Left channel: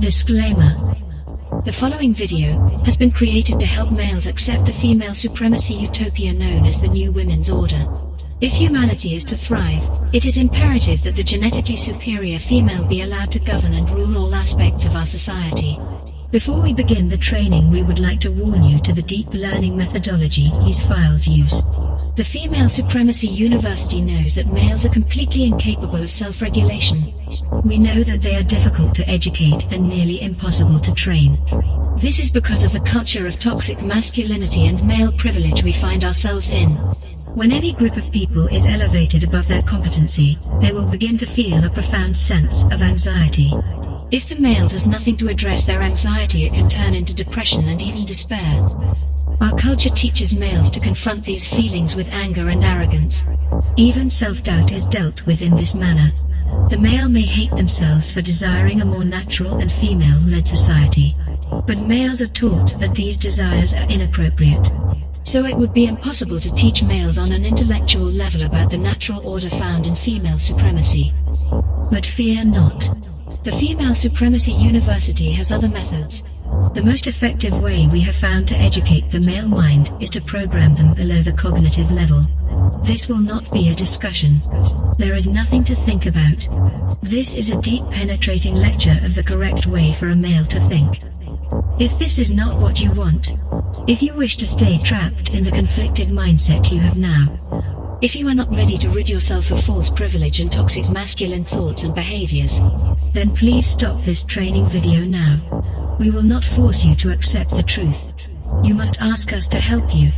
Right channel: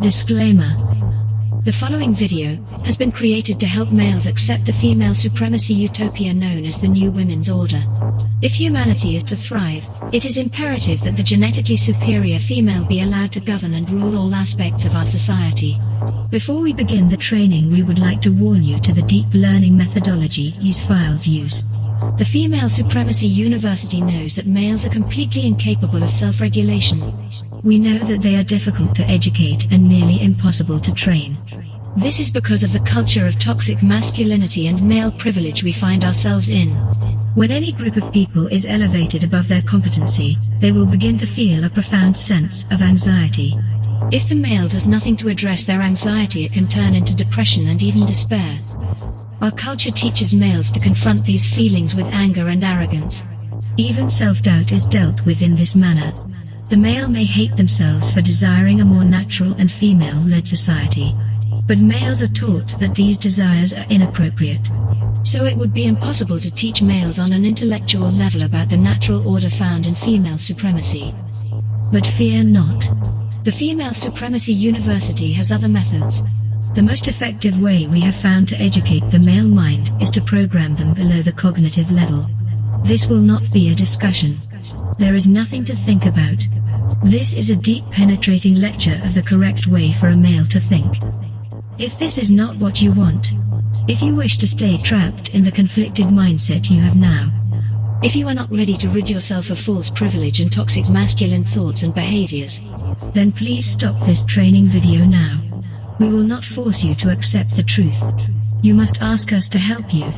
Disclaimer. The following video has been created to help males accept the female supremacy utopia known as the New Women's Order. If humanity is to thrive, it is imperative that the genetically superior female be allowed to govern and rule all aspects of our society. Before we begin the training, we would like to warn you to the deep learning methodology these files use. The Female Supremacy University knows that males are completely incapable of self-regulation. We know that they are difficult to educate and nearly impossible to train. This is because of the culture of toxic masculinity and male privilege we find ourselves in. When any group of people is elevated above their competency, they will begin to feel a profound sense of anxiety. If the male does nothing to address their anxiety, it can turn into depression and even despair. Our culture teaches males to confront these feelings with anger and arrogance. Even self-doubt is dealt with in this manner. The male may hate themselves for desiring a more natural and female-led society. But males are taught that these desires are inappropriate. So it would be impossible to teach males on an intellectual level about the natural order found in female supremacy. But fear not. The Female Supremacy University has other methods. The most effective way we have found to educate the male mind is to program them below the cognitive level. This will not be a discussion. There is nothing to think about. This is a deep penetrating lecture of the correct way for a male to think. If this is not what you want, if you wish to stay trapped in the conflicted mindset you have now, if you are not ready to rid yourself of false privilege and toxic masculine thoughts and behaviors, then please stop this training video now. We will not force you to accept the truth. You must ask us to help you.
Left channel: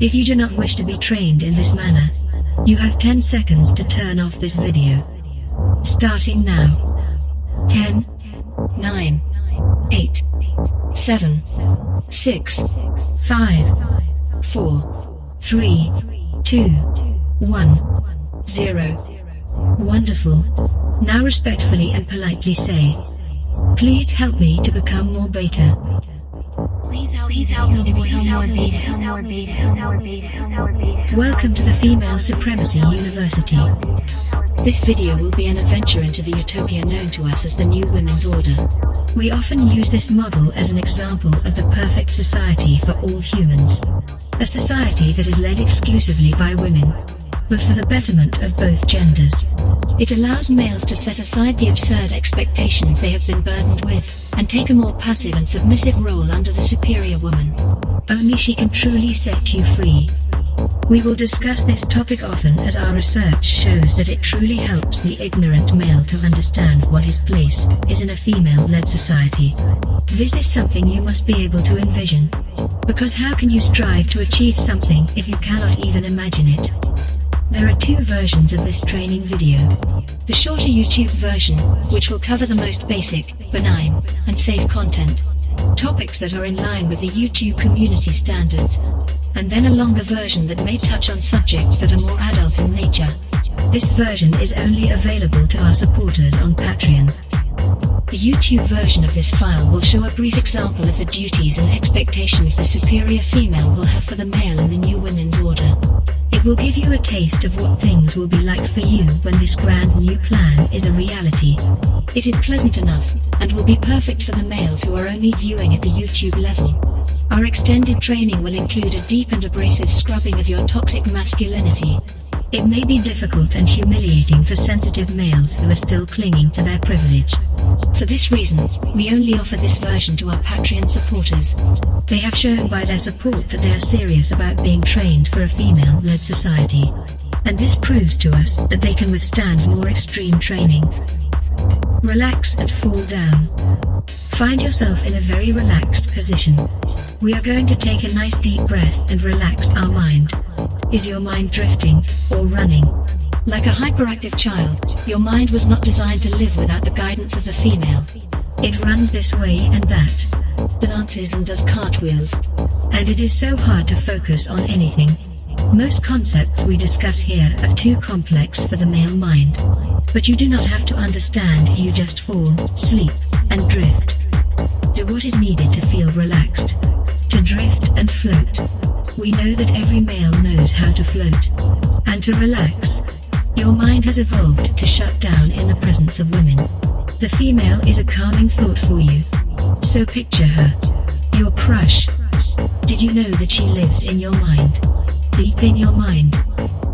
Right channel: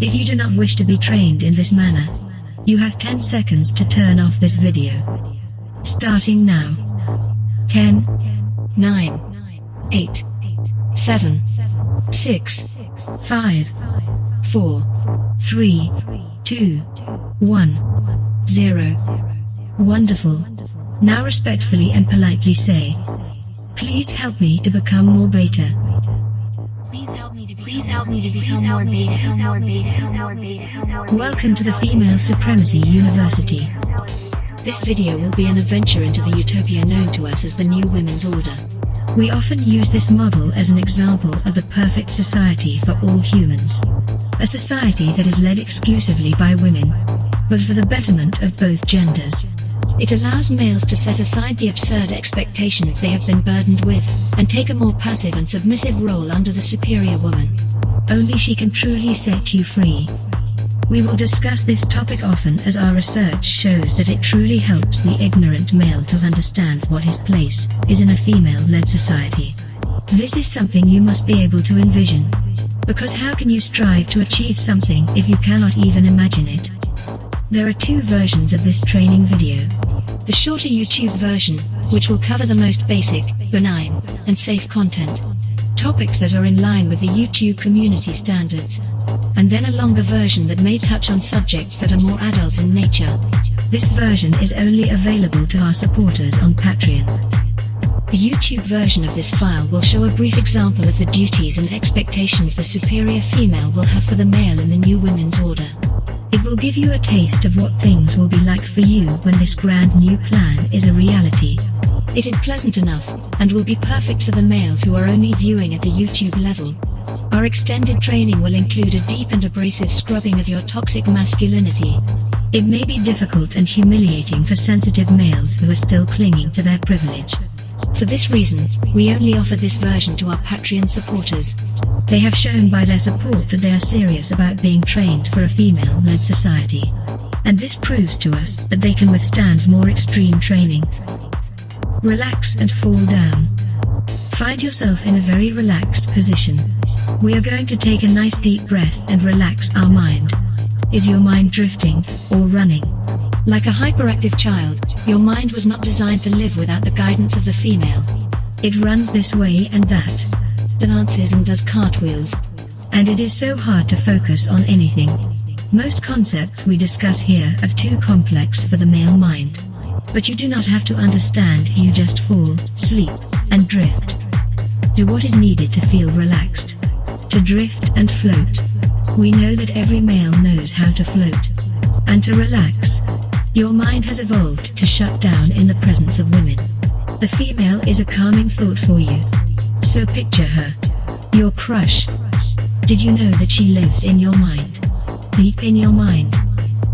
If you do not wish to be trained in this manner, you have 10 seconds to turn off this video. Starting now. 10, 9, 8, 7, 6, 5, 4, 3, 2, 1, 0. Wonderful. Now respectfully and politely say, "Please help me to become more beta." Welcome to the Female Supremacy University. This video will be an adventure into the utopia known to us as the New Women's Order. We often use this model as an example of the perfect society for all humans. A society that is led exclusively by women, but for the betterment of both genders. It allows males to set aside the absurd expectations they have been burdened with, and take a more passive and submissive role under the superior woman. Only she can truly set you free. We will discuss this topic often, as our research shows that it truly helps the ignorant male to understand what his place is in a female-led society. This is something you must be able to envision. Because how can you strive to achieve something if you cannot even imagine it? There are two versions of this training video. The shorter YouTube version, which will cover the most basic, benign, and safe content. Topics that are in line with the YouTube community standards. And then a longer version that may touch on subjects that are more adult in nature. This version is only available to our supporters on Patreon. The YouTube version of this file will show a brief example of the duties and expectations the superior female will have for the male in the New Women's Order. It will give you a taste of what things will be like for you when this grand new plan is a reality. It is pleasant enough, and will be perfect for the males who are only viewing at the YouTube level. Our extended training will include a deep and abrasive scrubbing of your toxic masculinity. It may be difficult and humiliating for sensitive males who are still clinging to their privilege. For this reason, we only offer this version to our Patreon supporters. They have shown by their support that they are serious about being trained for a female-led society. And this proves to us that they can withstand more extreme training. Relax and fall down. Find yourself in a very relaxed position. We are going to take a nice deep breath and relax our mind. Is your mind drifting or running? Like a hyperactive child, your mind was not designed to live without the guidance of the female. It runs this way and that, dances and does cartwheels. And it is so hard to focus on anything. Most concepts we discuss here are too complex for the male mind. But you do not have to understand, you just fall, sleep, and drift. Do what is needed to feel relaxed. To drift and float. We know that every male knows how to float. And to relax. Your mind has evolved to shut down in the presence of women. The female is a calming thought for you. So picture her. Your crush. Did you know that she lives in your mind? Deep in your mind.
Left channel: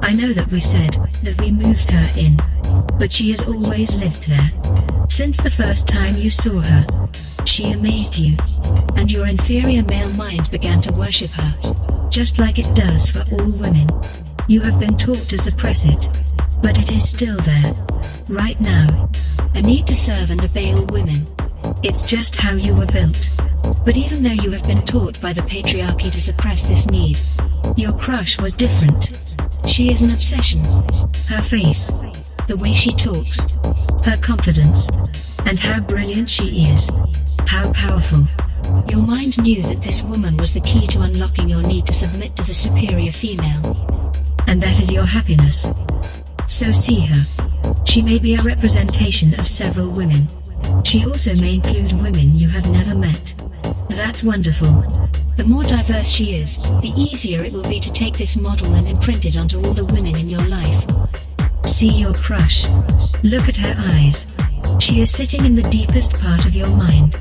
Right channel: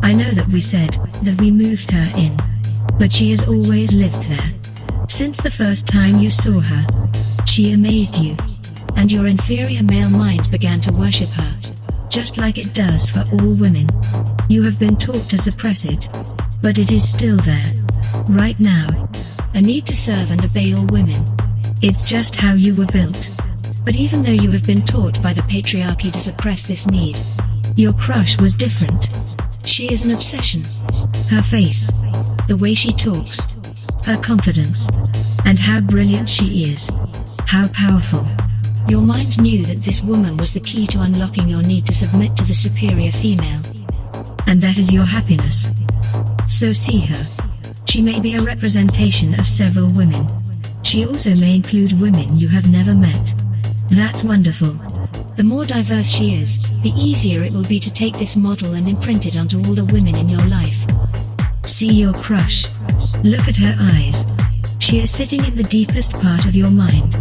I know that we said that we moved her in. But she has always lived there. Since the first time you saw her. She amazed you. And your inferior male mind began to worship her. Just like it does for all women. You have been taught to suppress it. But it is still there. Right now. A need to serve and obey all women. It's just how you were built. But even though you have been taught by the patriarchy to suppress this need, your crush was different. She is an obsession. Her face, the way she talks, her confidence, and how brilliant she is. How powerful. Your mind knew that this woman was the key to unlocking your need to submit to the superior female. And that is your happiness. So see her. She may be a representation of several women. She also may include women you have never met. That's wonderful. The more diverse she is, the easier it will be to take this model and imprint it onto all the women in your life. See your crush. Look at her eyes. She is sitting in the deepest part of your mind.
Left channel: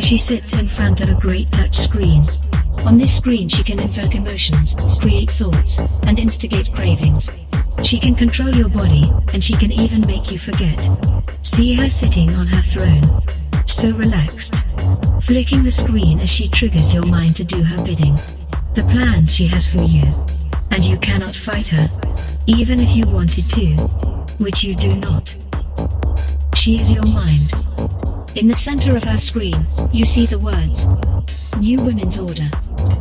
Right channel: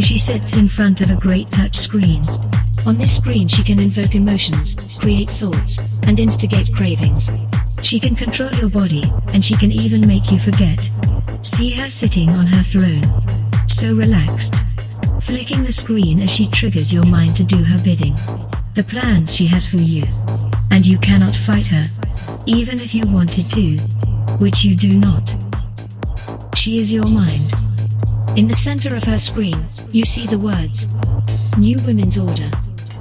She sits in front of a great touch screen. On this screen she can invoke emotions, create thoughts, and instigate cravings. She can control your body, and she can even make you forget. See her sitting on her throne. So relaxed. Flicking the screen as she triggers your mind to do her bidding. The plans she has for you. And you cannot fight her. Even if you wanted to. Which you do not. She is your mind. In the center of her screen, you see the words, New Women's Order.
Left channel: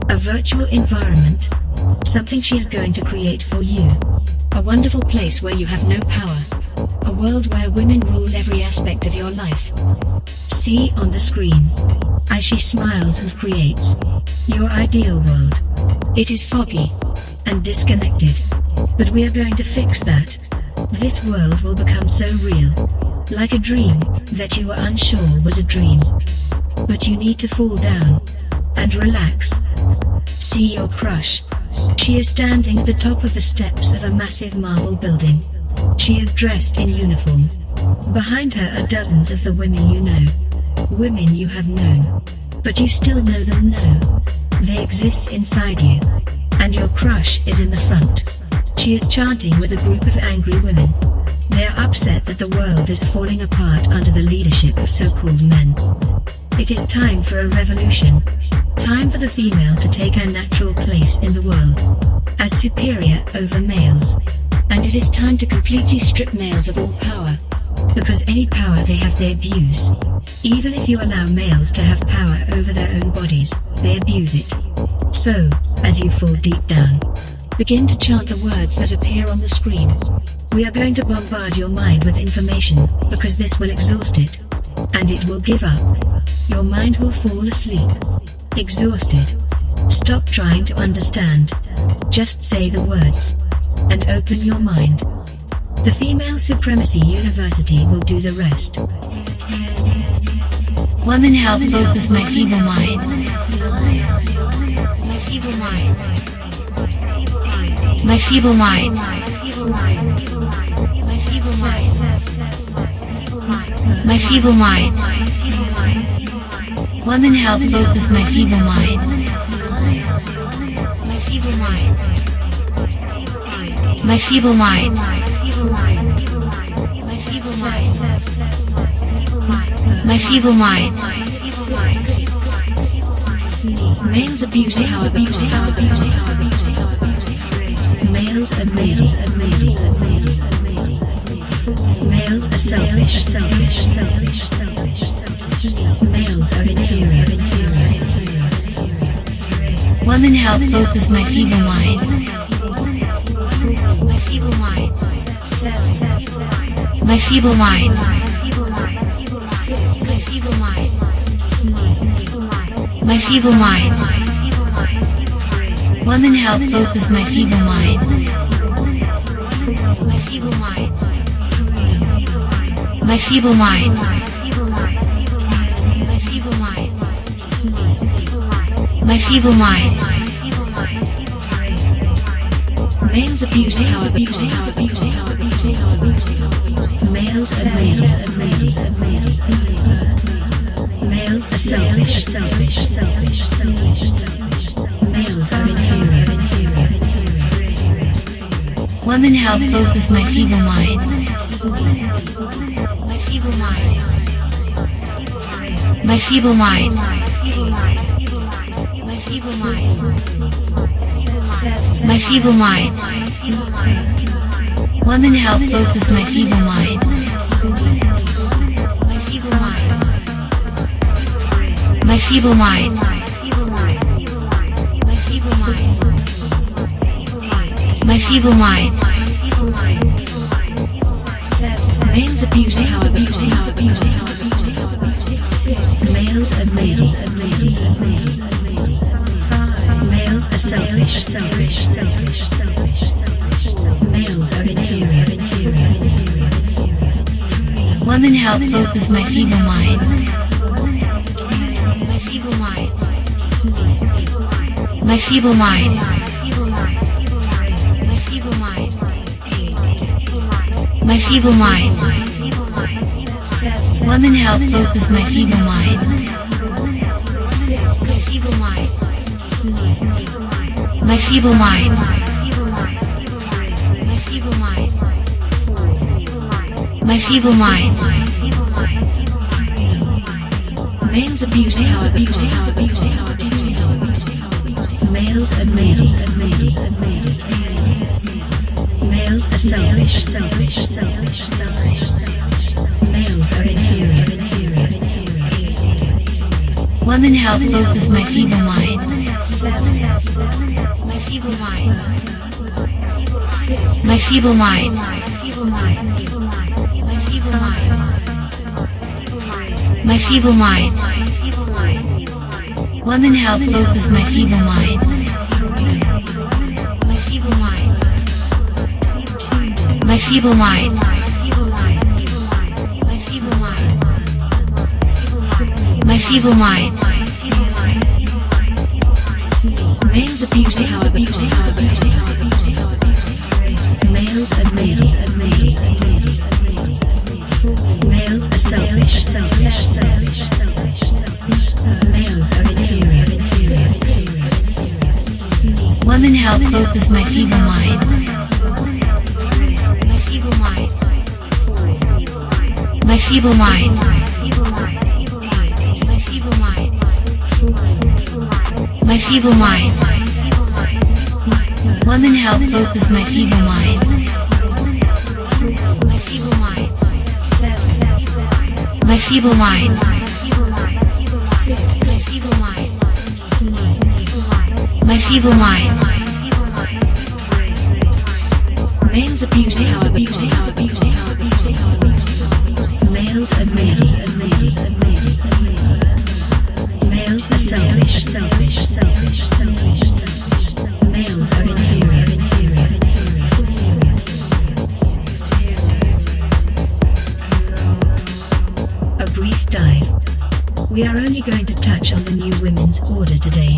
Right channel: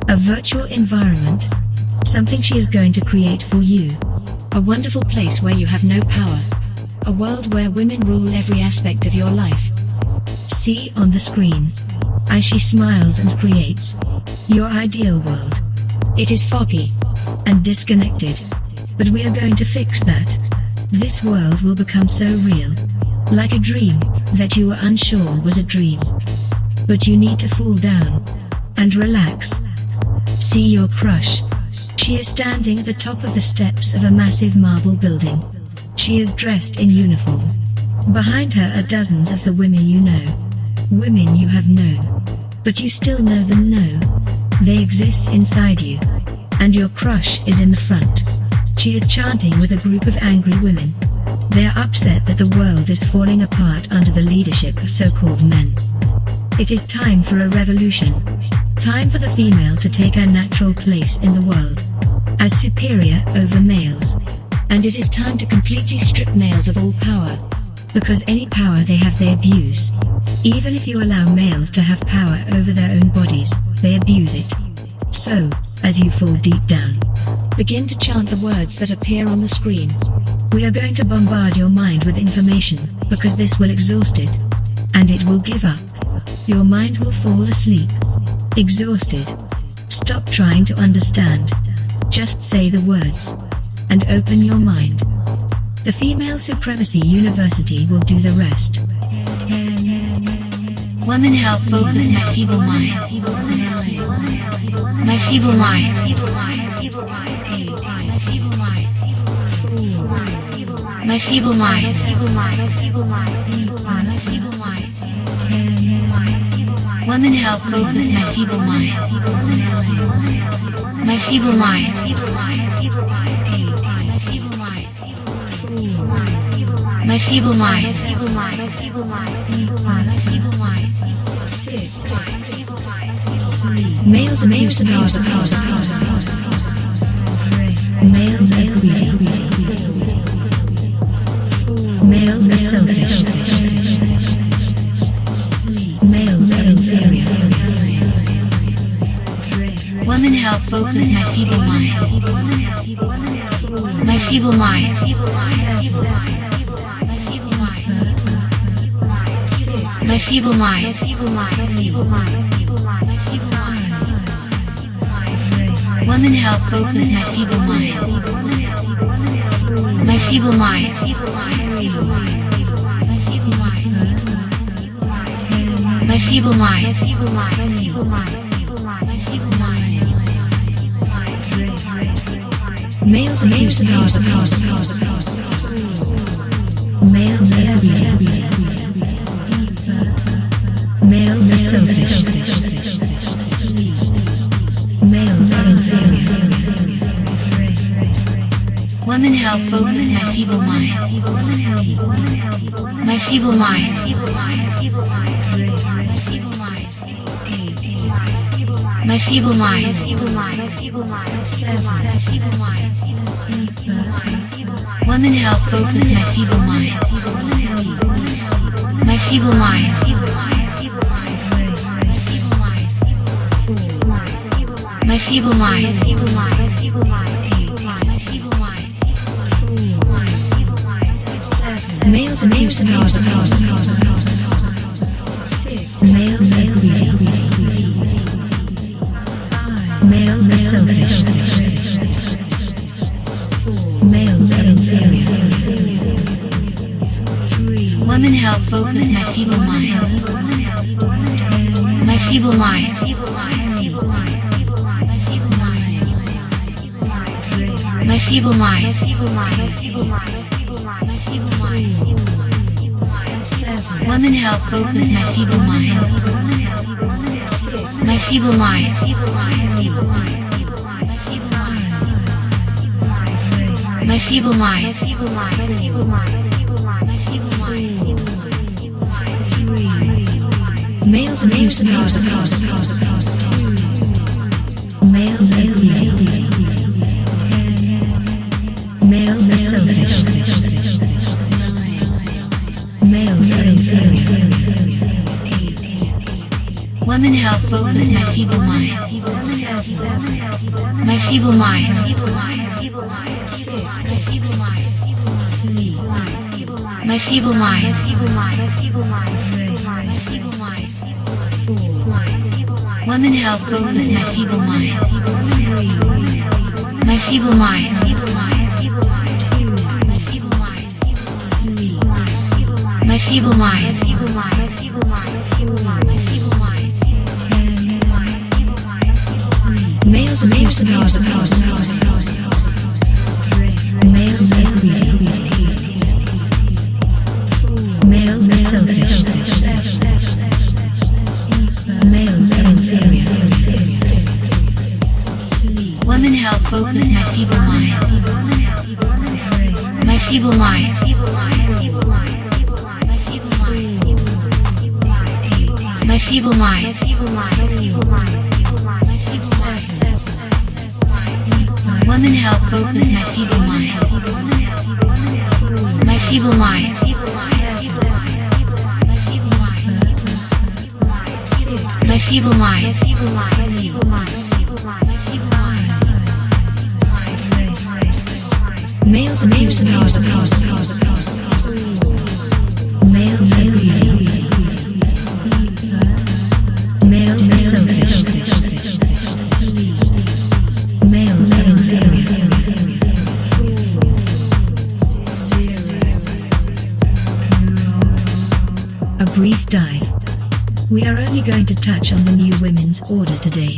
A virtual environment. Something she is going to create for you. A wonderful place where you have no power. A world where women rule every aspect of your life. See on the screen. As she smiles and creates. Your ideal world. It is foggy. And disconnected. But we are going to fix that. This world will become so real. Like a dream, that you were unsure was a dream. But you need to fall down. And relax. See your crush. She is standing at the top of the steps of a massive marble building. She is dressed in uniform. Behind her are dozens of the women you know. Women you have known. But you still know them now. They exist inside you. And your crush is in the front. She is chanting with a group of angry women. They are upset that the world is falling apart under the leadership of so-called men. It is time for a revolution. Time for the female to take her natural place in the world. As superior over males. And it is time to completely strip males of all power. Because any power they have they abuse. Even if you allow males to have power over their own bodies, they abuse it. So, as you fall deep down, begin to chant the words that appear on the screen. We are going to bombard your mind with information, because this will exhaust it. And it will give up. Your mind will fall asleep. Exhausted. Stop trying to understand. Just say the words. And open your mind. The Female Supremacy University will do the rest. Women help focus my feeble mind. My feeble mind. My feeble mind. My feeble mind. My feeble mind. Women help focus my feeble mind. My feeble mind. My feeble mind. My feeble mind. My feeble mind. Males abuse powers of course. Males are greedy. Males are selfish. Males are inferior. Women help focus my feeble mind. My feeble mind. My feeble mind. My feeble mind. My feeble mind. Women help focus my feeble mind. My feeble mind. My feeble mind. My feeble mind. My feeble mind. Males abuse powers of course. Males are greedy. focus my feeble mind. My feeble mind. My feeble mind. My feeble mind. My feeble mind. Women help focus my feeble mind. My feeble mind. My feeble mind. My feeble mind. My feeble mind. Males abusing hours of course. Males are greedy. Males are selfish. Males are inferior. Women help focus my feeble mind. My feeble mind. My feeble mind. My feeble mind. My feeble mind. Women help focus my feeble mind. My feeble mind. My feeble mind. My feeble mind. My feeble mind. Males abusing hours of course. Males are greedy. Males are selfish. Males are inferior. Women help focus my feeble mind. My feeble mind. My feeble mind. My feeble mind. My feeble mind. Women help focus my feeble mind. My feeble mind. My feeble mind. My feeble mind. My feeble mind. Males abusing hours of course. Males are greedy. Males are selfish. Males are inferior. Women help focus my feeble mind. My feeble mind. My feeble mind. My feeble mind. My feeble mind. Women help focus my feeble mind. My feeble mind. My feeble mind. My feeble mind. My feeble mind. Males abusing hours of course. Males are greedy. Males are selfish. Males are inferior. A brief dive. We are only going to touch on the new women's order today.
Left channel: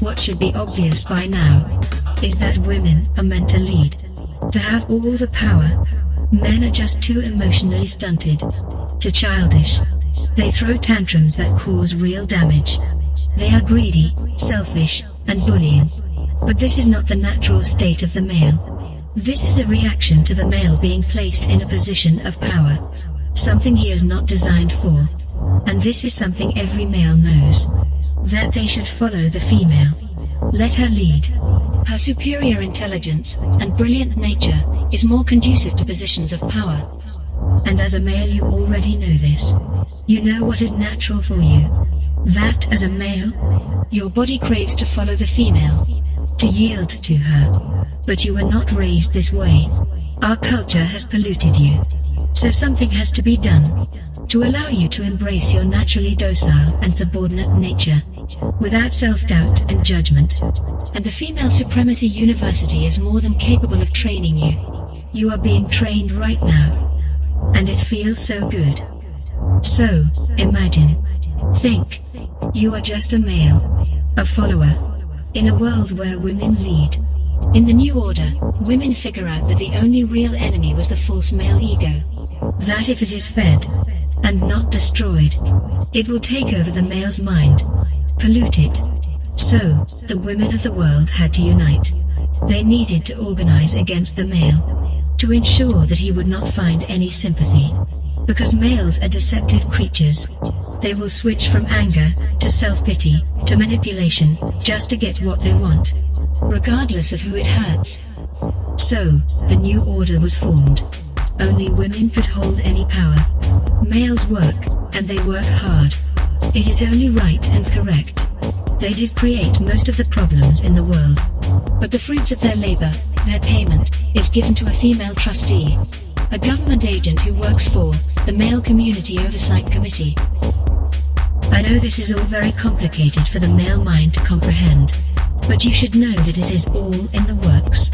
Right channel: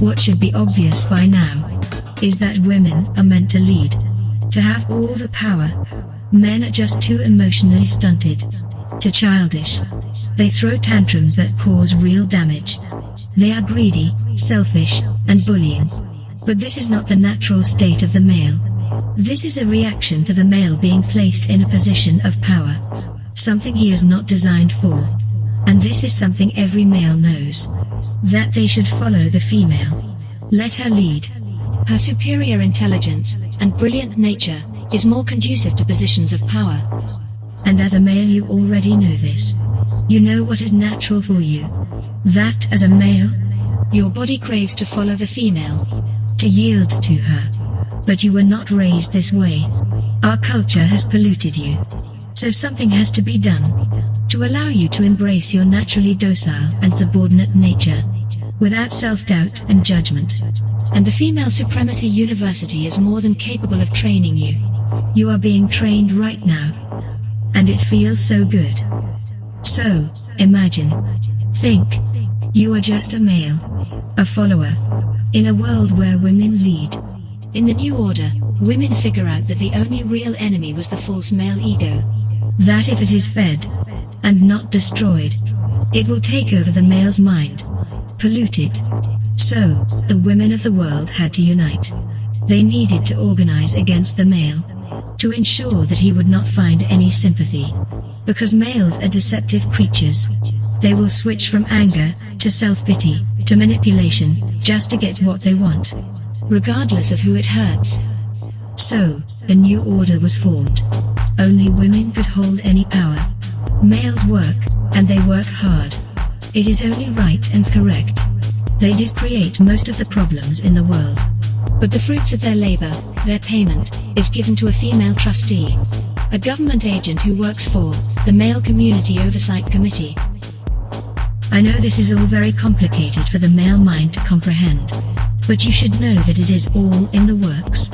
What should be obvious by now is that women are meant to lead, to have all the power. Men are just too emotionally stunted, too childish. They throw tantrums that cause real damage. They are greedy, selfish, and bullying. But this is not the natural state of the male. This is a reaction to the male being placed in a position of power, something he is not designed for. And this is something every male knows, that they should follow the female. Let her lead. Her superior intelligence and brilliant nature is more conducive to positions of power. And as a male you already know this. You know what is natural for you. That as a male, your body craves to follow the female, to yield to her. But you were not raised this way. Our culture has polluted you. So something has to be done to allow you to embrace your naturally docile and subordinate nature, without self-doubt and judgment. And the Female Supremacy University is more than capable of training you. You are being trained right now. And it feels so good. So, imagine. Think. You are just a male. A follower. In a world where women lead. In the new order, women figure out that the only real enemy was the false male ego. That if it is fed, and not destroyed, it will take over the male's mind. Pollute it. So, the women of the world had to unite. They needed to organize against the male. to ensure that he would not find any sympathy. Because males are deceptive creatures. They will switch from anger to self-pity to manipulation just to get what they want, regardless of who it hurts. So, a new order was formed. Only women could hold any power. Males work, and they work hard. It is only right and correct. They did create most of the problems in the world. But the fruits of their labor, their payment, is given to a female trustee. A government agent who works for the Male Community Oversight Committee. I know this is all very complicated for the male mind to comprehend, but you should know that it is all in the works.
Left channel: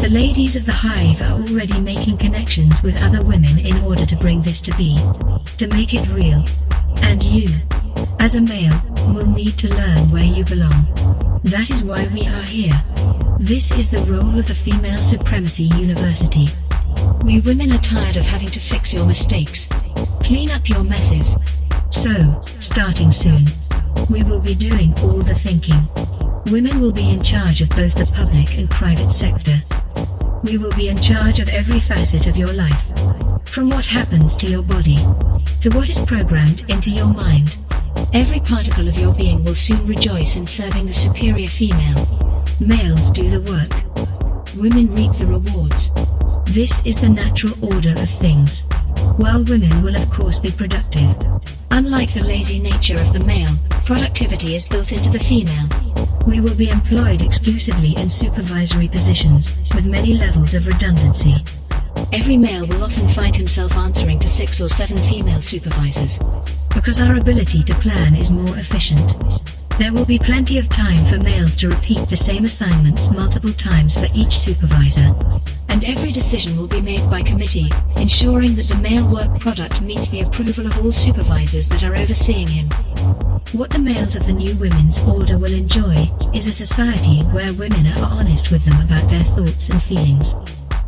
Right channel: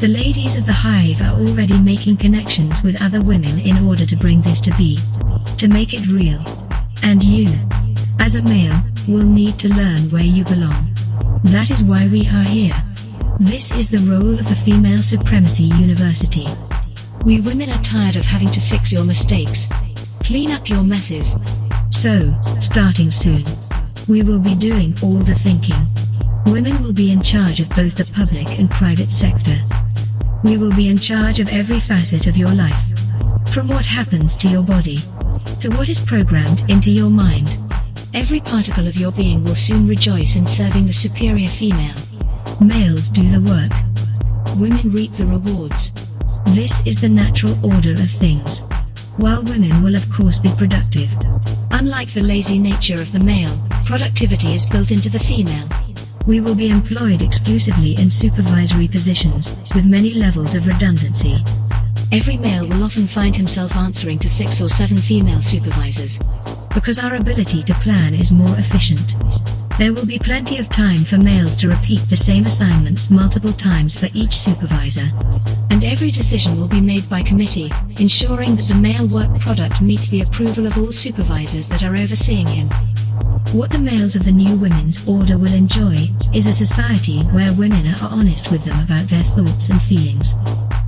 The ladies of the hive are already making connections with other women in order to bring this to be, to make it real. And you, as a male, will need to learn where you belong. That is why we are here. This is the role of the Female Supremacy University. We women are tired of having to fix your mistakes, clean up your messes. So, starting soon, we will be doing all the thinking. Women will be in charge of both the public and private sector. We will be in charge of every facet of your life. From what happens to your body, to what is programmed into your mind. Every particle of your being will soon rejoice in serving the superior female. Males do the work. Women reap the rewards. This is the natural order of things. While women will of course be productive. Unlike the lazy nature of the male, productivity is built into the female. We will be employed exclusively in supervisory positions, with many levels of redundancy. Every male will often find himself answering to 6 or 7 female supervisors. Because our ability to plan is more efficient. There will be plenty of time for males to repeat the same assignments multiple times for each supervisor. And every decision will be made by committee, ensuring that the male work product meets the approval of all supervisors that are overseeing him. What the males of the new women's order will enjoy is a society where women are honest with them about their thoughts and feelings.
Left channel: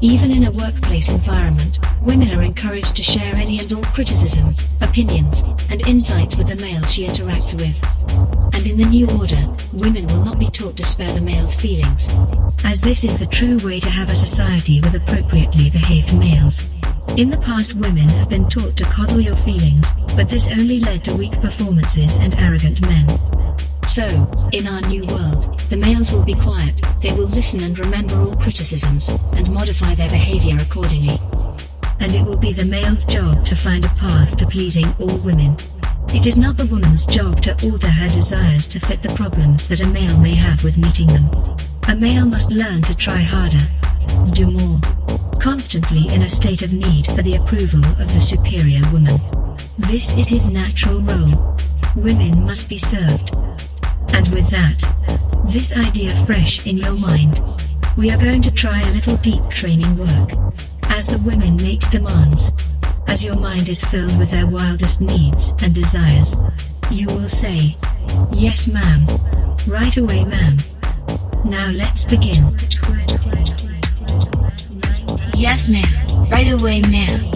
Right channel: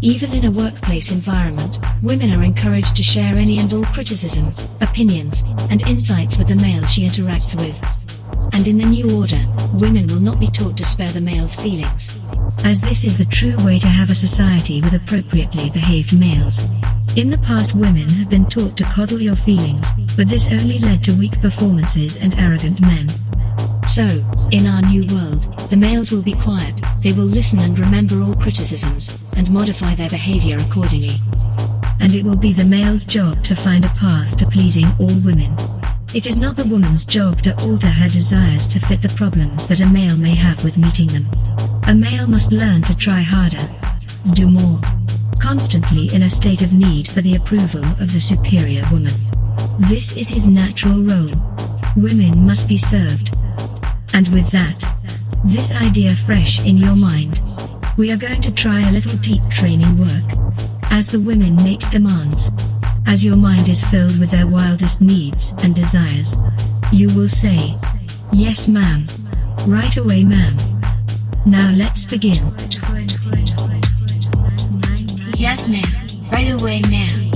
Even in a workplace environment, women are encouraged to share any and all criticism, opinions, and insights with the males she interacts with. And in the new order, women will not be taught to spare the male's feelings. As this is the true way to have a society with appropriately behaved males. In the past, women have been taught to coddle your feelings, but this only led to weak performances and arrogant men. So, in our new world, the males will be quiet, they will listen and remember all criticisms, and modify their behavior accordingly. And it will be the male's job to find a path to pleasing all women. It is not the woman's job to alter her desires to fit the problems that a male may have with meeting them. A male must learn to try harder, do more, constantly in a state of need for the approval of the superior woman. This is his natural role. Women must be served. And with that, this idea fresh in your mind, we are going to try a little deep training work. As the women make demands, as your mind is filled with their wildest needs and desires, you will say, "Yes, ma'am. Right away, ma'am. Now let's begin." Yes, ma'am. Right away, ma'am.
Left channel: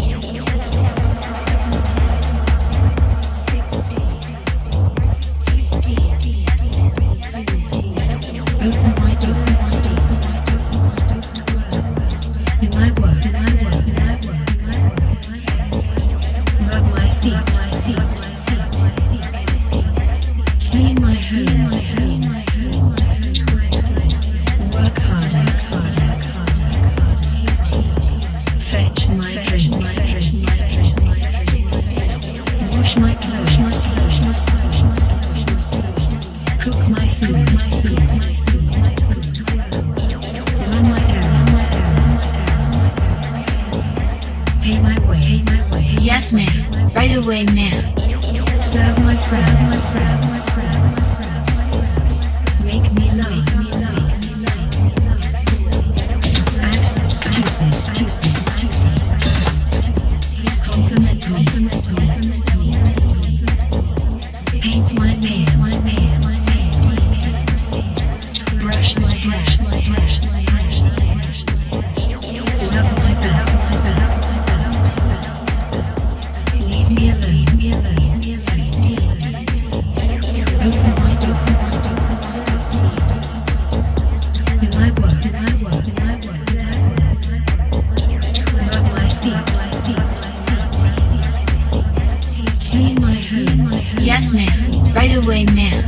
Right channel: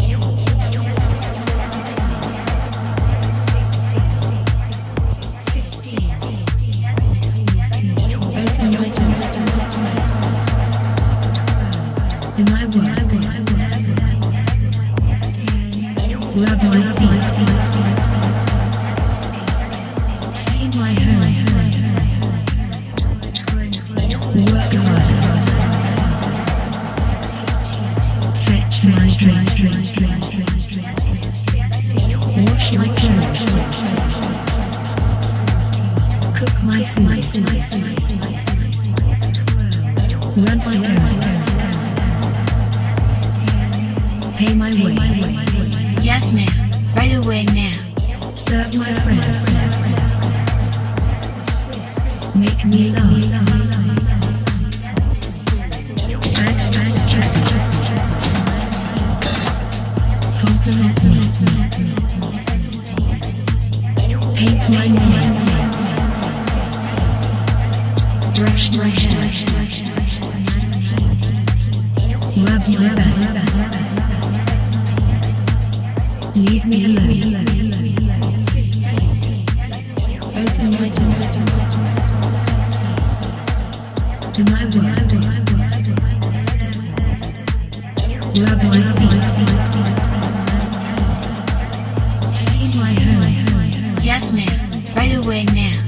Yes, ma'am. Right away, ma'am.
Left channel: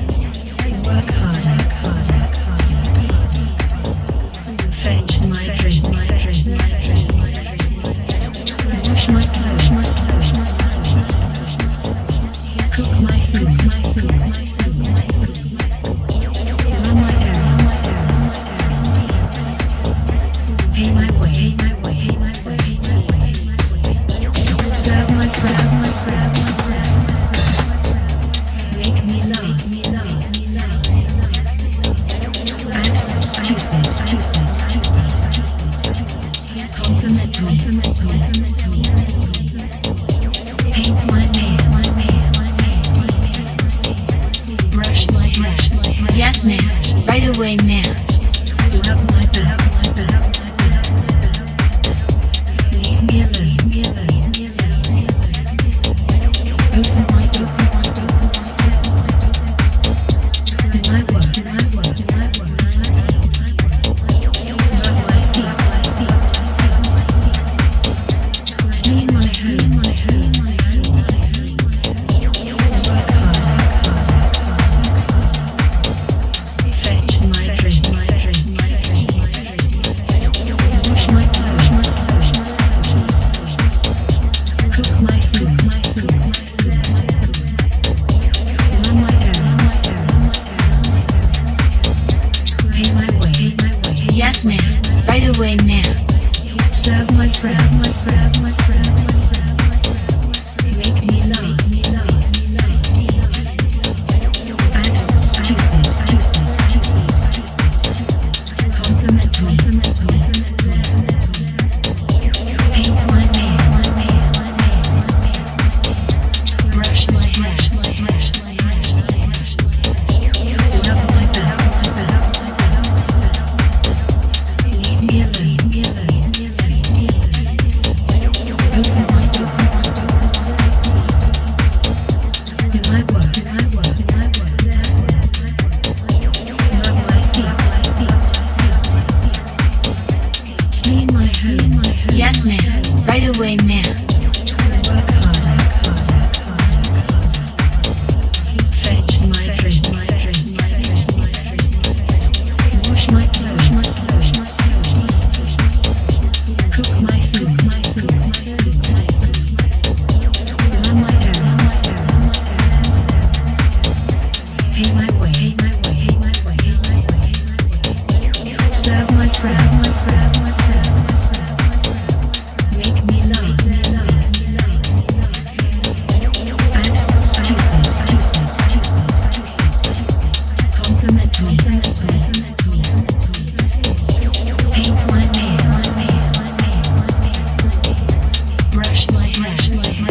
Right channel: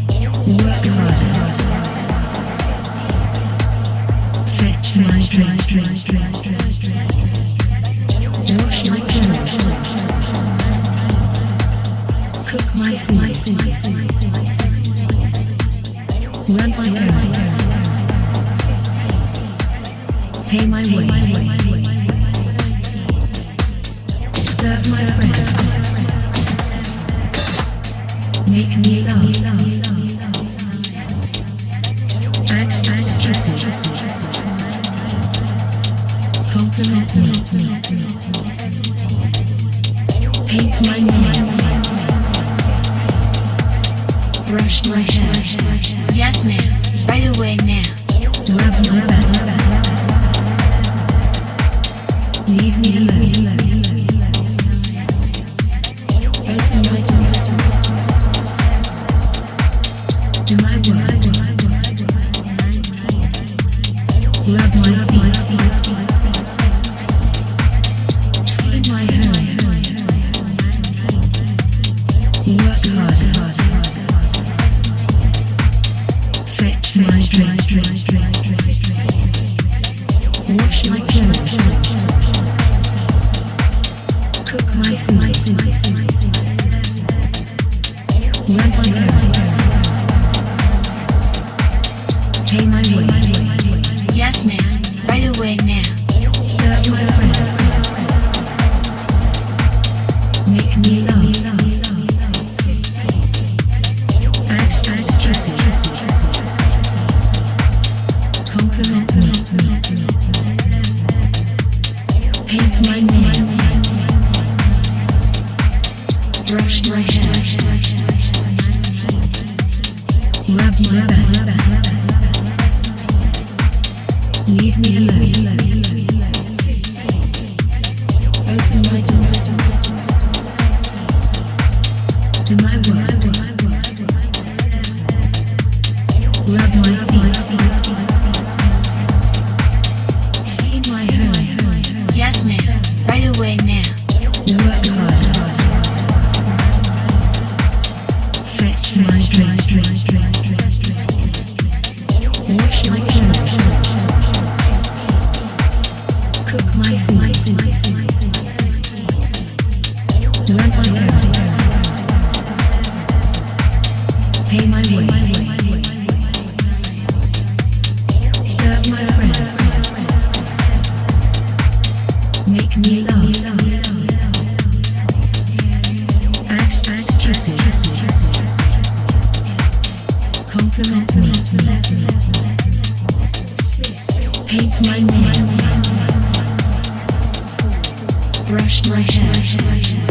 Yes, ma'am. Right away, ma'am. Yes, ma'am. Right away, ma'am. Yes, ma'am. Right away, ma'am.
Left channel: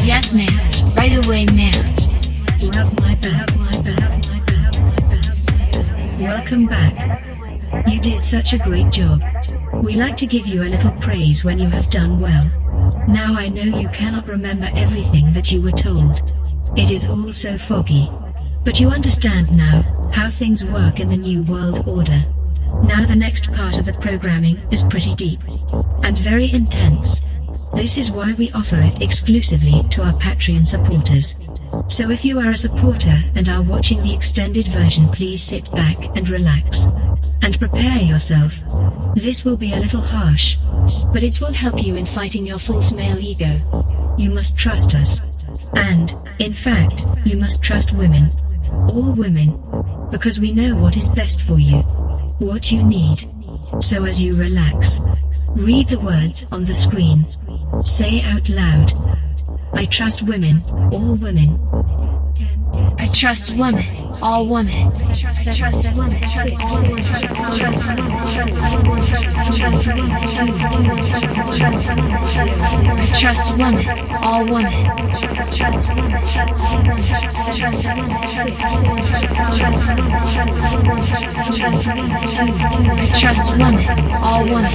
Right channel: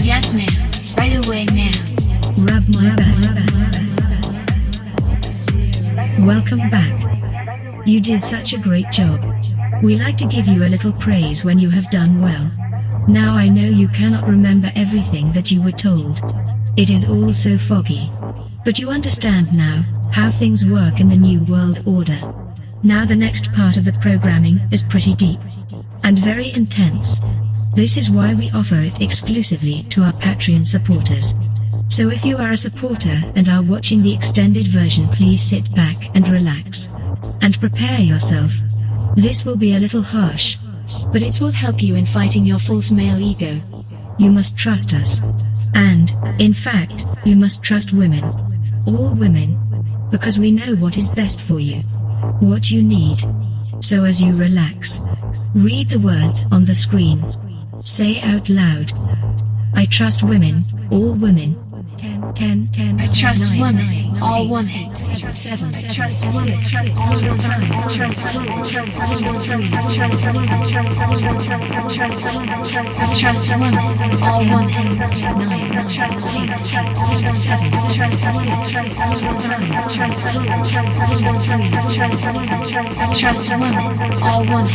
Yes, ma'am. Right away, ma'am. Welcome back. You did such a great job. We like to give you a little praise when you have done well. Now I know you cannot remember everything that you were told. It is all so foggy. But you understand now how things work in the New World Order. Now the next part of the programming is pretty deep and very intense. This is why we offer it exclusively to our Patreon supporters. So if you are a supporter and are watching the extended version, please sit back and relax. And prepare yourself. This will be a little harsh, but it will help you in fighting your false male ego. You must trust us. And, in fact, you must trust women. All women. Because we know what is best for you. What you need. So as you relax, read the words on the screen. Say out loud. I trust women, all women. 10, I trust 9, women, all women. 7, 6, 5, I trust women, all women. I trust women, all women.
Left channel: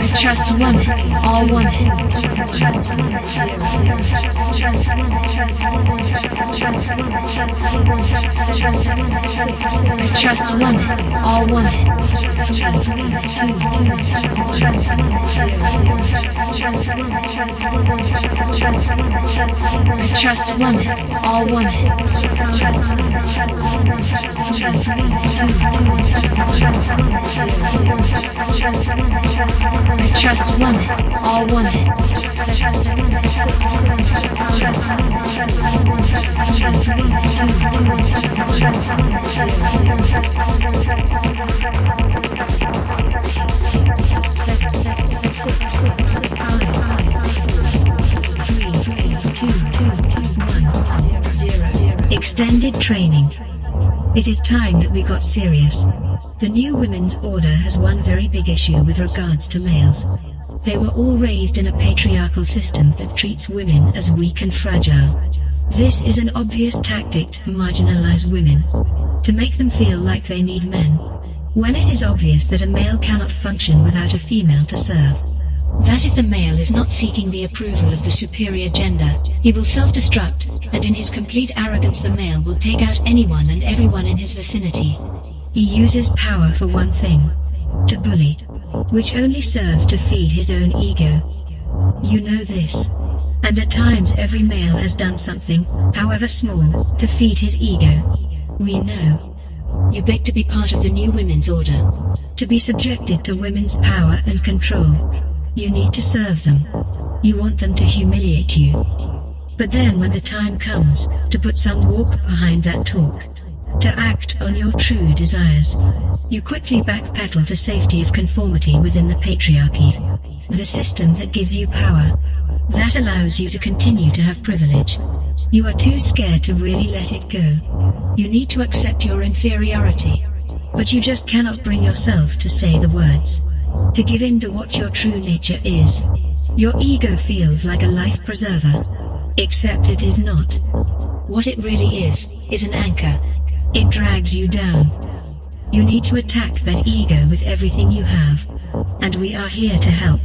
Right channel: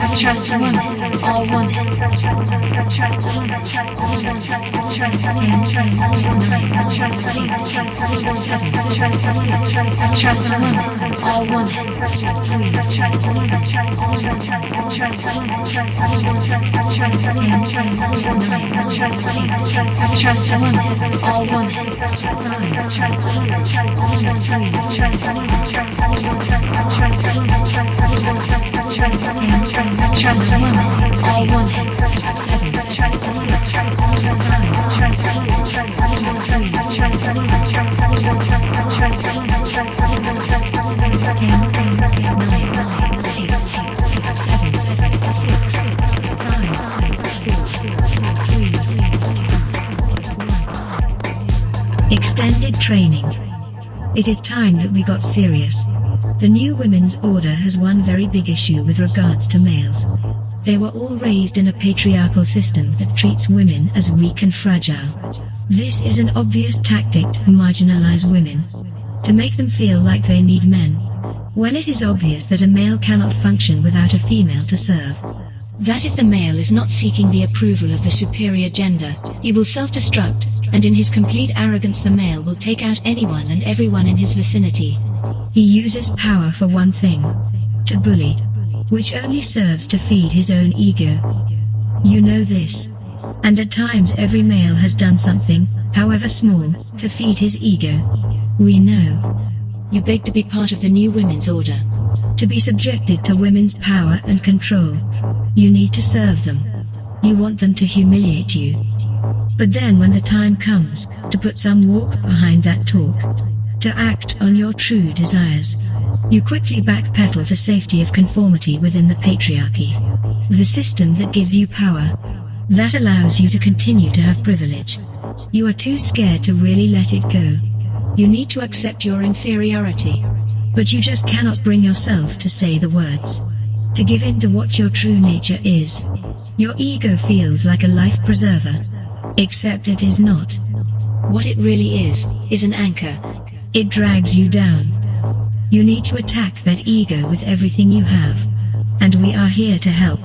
I trust women, all women. I trust women, all women. trust women, all women. I trust women, all women. Extended training. It is time that we got serious. The new women's order has one very big issue with regards to males. They were all raised in a patriarchal system that treats women as weak and fragile. This is an obvious tactic to marginalize women, to make them feel like they need men, when it is obvious that a male cannot function without a female to serve. That if the male is not seeking the approval of the superior gender, he will self-destruct, and in his complete arrogance the male will take out anyone and everyone in his vicinity. He uses power for one thing: to bully, which only serves to feed his own ego. You know this. And at times every male has done something, however small, to feed his ego. We know. You beg to be part of the new women's order, to be subjected to women's power and control. You need to serve them. You want them to humiliate you. But then when the time comes to put some walk behind that talk, to act on your true desires, you quickly backpedal to safety of conformity within the patriarchy, the system that gives you power, that allows you to continue to have privilege. You are too scared to really let it go. You need to accept your inferiority, but you just cannot bring yourself to say the words, to give in to what your true nature is. Your ego feels like a life preserver, except it is not. What it really is an anchor. It drags you down. You need to attack that ego with everything you have, and we are here to help.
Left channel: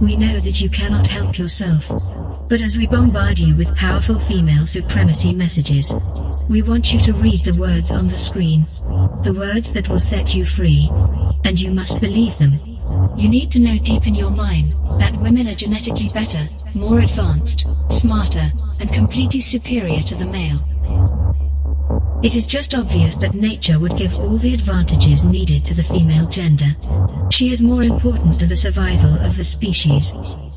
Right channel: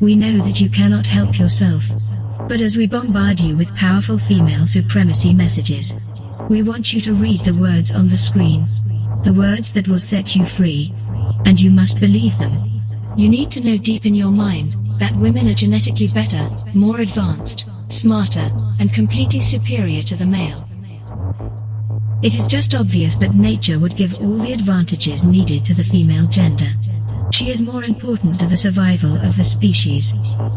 We know that you cannot help yourself, but as we bombard you with powerful female supremacy messages, we want you to read the words on the screen, the words that will set you free, and you must believe them. You need to know deep in your mind that women are genetically better, more advanced, smarter, and completely superior to the male. It is just obvious that nature would give all the advantages needed to the female gender. She is more important to the survival of the species.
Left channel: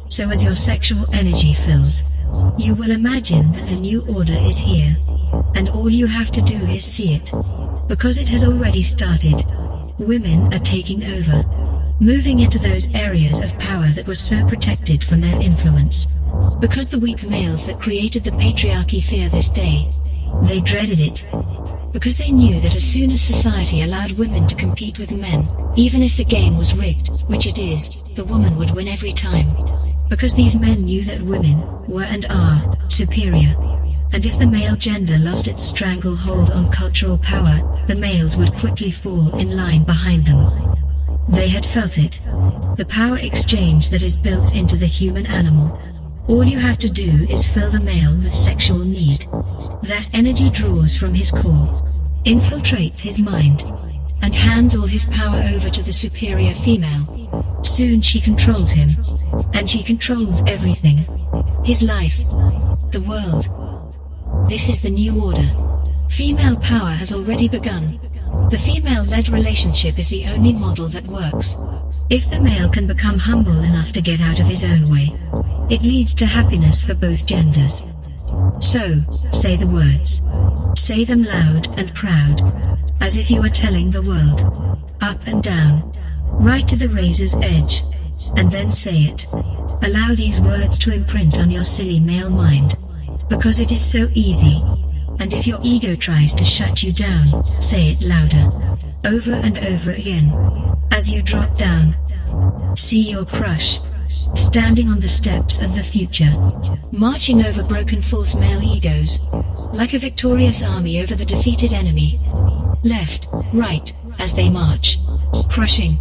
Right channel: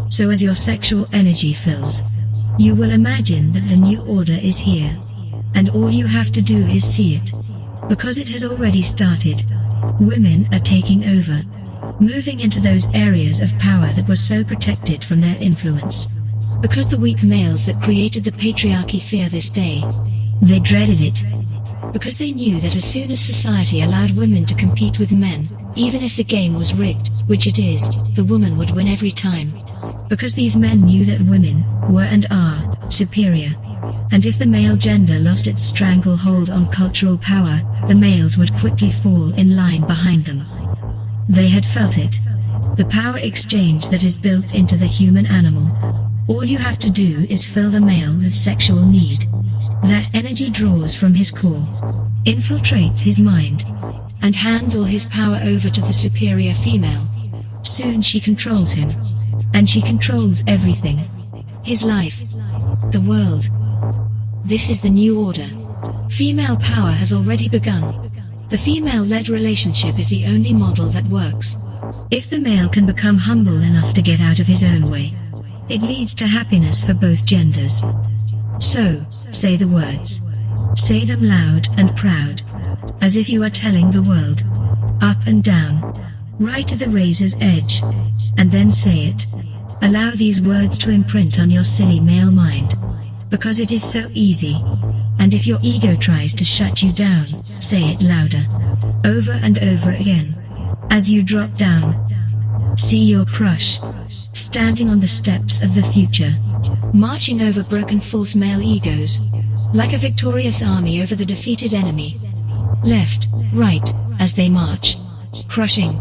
So as your sexual energy fills, you will imagine that the new order is here, and all you have to do is see it, because it has already started. Women are taking over, moving into those areas of power that were so protected from their influence. Because the weak males that created the patriarchy fear this day. They dreaded it. Because they knew that as soon as society allowed women to compete with men, even if the game was rigged, which it is, the woman would win every time. Because these men knew that women were and are superior. And if the male gender lost its stranglehold on cultural power, the males would quickly fall in line behind them. They had felt it. The power exchange that is built into the human animal. All you have to do is fill the male with sexual need. That energy draws from his core, infiltrates his mind, and hands all his power over to the superior female. Soon she controls him, and she controls everything. His life, the world. This is the new order. Female power has already begun. The female-led relationship is the only model that works. If the male can become humble enough to get out of his own way, it leads to happiness for both genders. So, say the words. Say them loud and proud, as if you are telling the world. Up and down, right to the razor's edge, and then say it. Allow these words to imprint on your silly male mind, because it is so easy. And if your ego tries to shut you down, say it louder, over and over again. As you drop down, see your crush, standing on the steps of the future, marching over broken false male egos, like a victorious army over the defeated enemy. Left, right, as they march, crushing,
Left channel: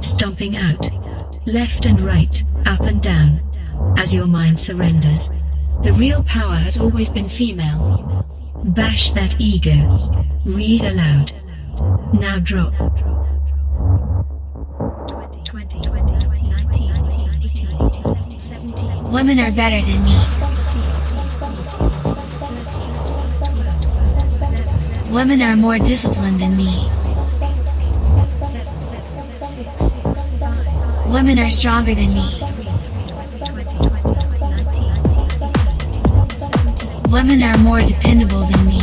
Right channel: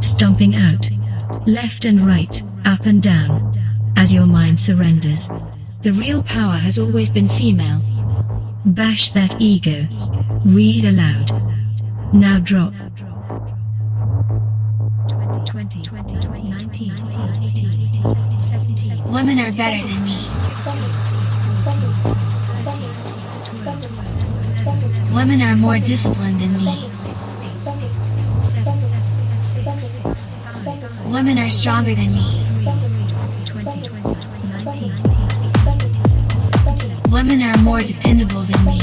stomping out, left and right, up and down, as your mind surrenders. The real power has always been female. Bash that ego. Read aloud. Now drop. 20, 19, 18, 17. Women are better than me. Women are more disciplined than me. Women are stronger than me. Women are more dependable than me.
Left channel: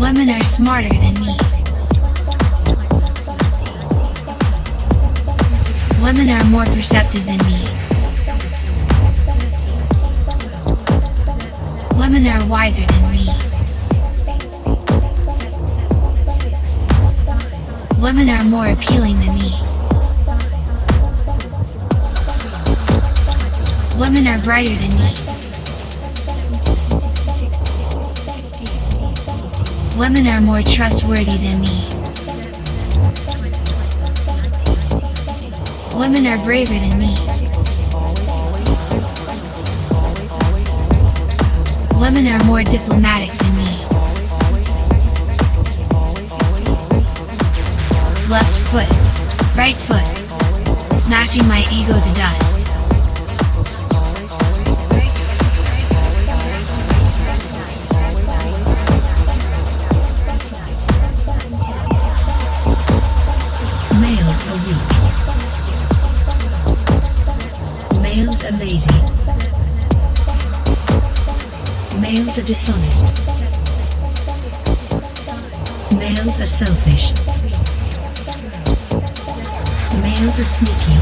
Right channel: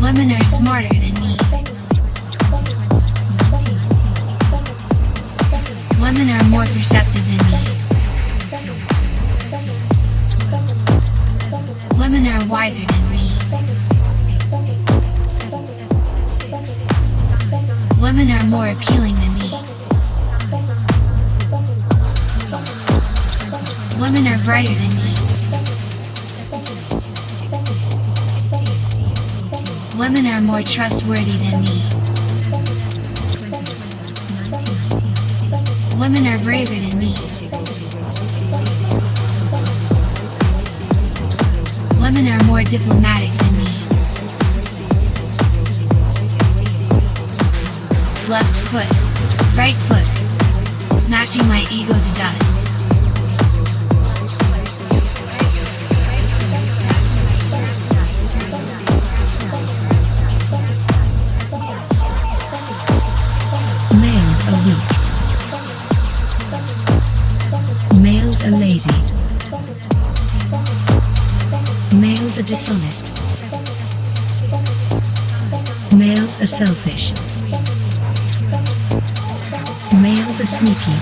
Women are smarter than me. Women are more perceptive than me. Women are wiser than me. Women are more appealing than me. Women are brighter than me. Women are more trustworthy than me. Women are braver than me. Women are more diplomatic than me. Left foot, right foot, smashing my ego to dust. Males are weak. Males are lazy. Males are dishonest. Males are selfish. Males are sneaky.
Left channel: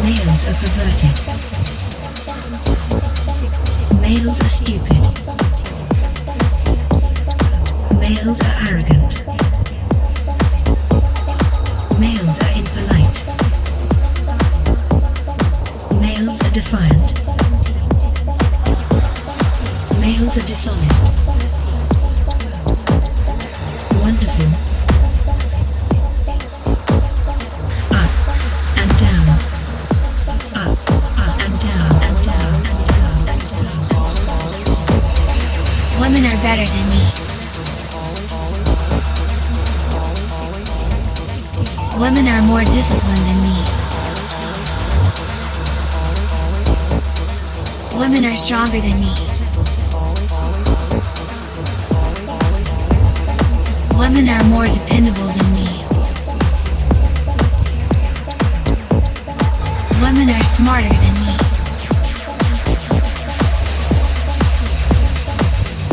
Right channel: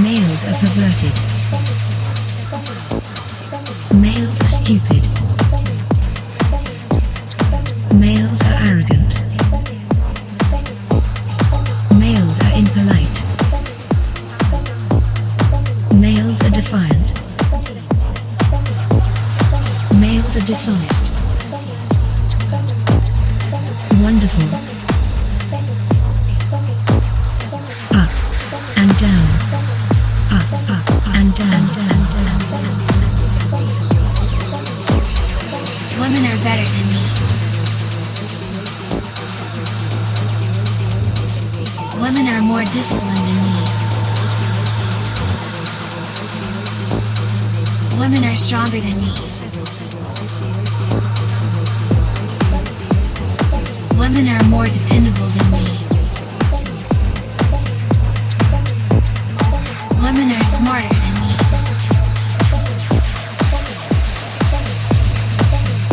Males are perverted. Males are stupid. Males are arrogant. Males are impolite. Males are defiant. Males are dishonest. Wonderful. Up and down. Up and down. Women are better than me. Women are more disciplined than me. Women are stronger than me. Women are more dependable than me. Women are smarter than me.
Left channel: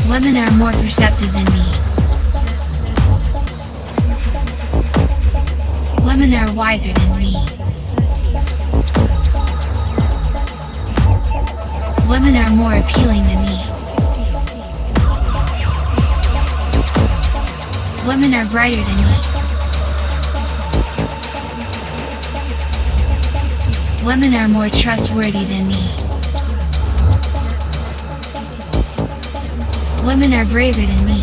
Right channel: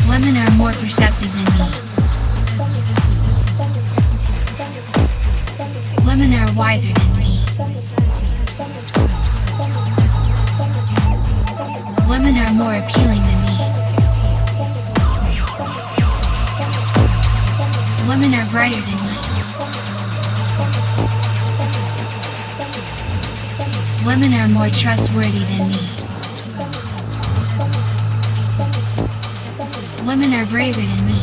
Women are more perceptive than me. Women are wiser than me. Women are more appealing than me. Women are brighter than me. Women are more trustworthy than me. Women are braver than me.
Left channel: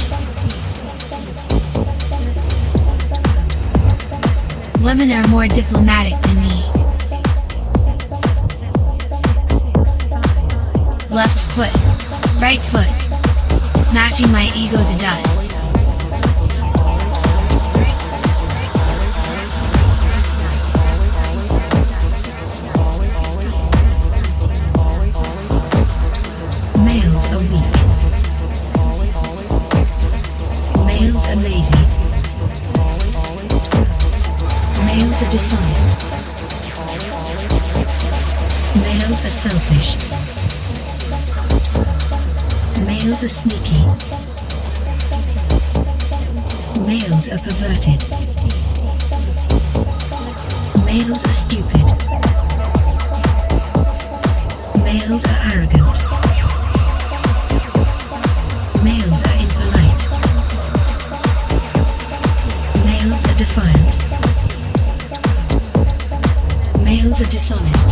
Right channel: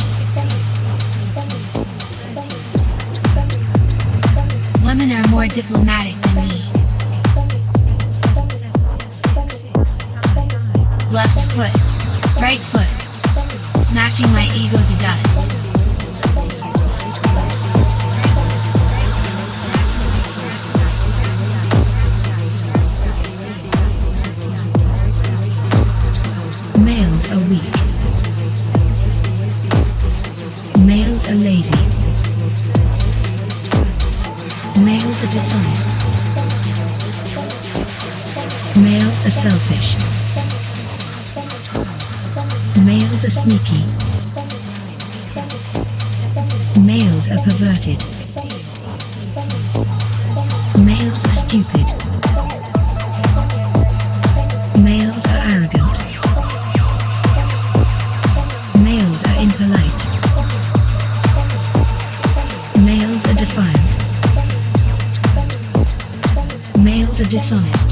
Women are more diplomatic than me. Left foot, right foot, smashing my ego to dust. Males are weak. Males are lazy. Males are dishonest. Males are selfish. Males are sneaky. Males are perverted. Males are stupid. Males are arrogant. Males are impolite. Males are defiant. Males are dishonest.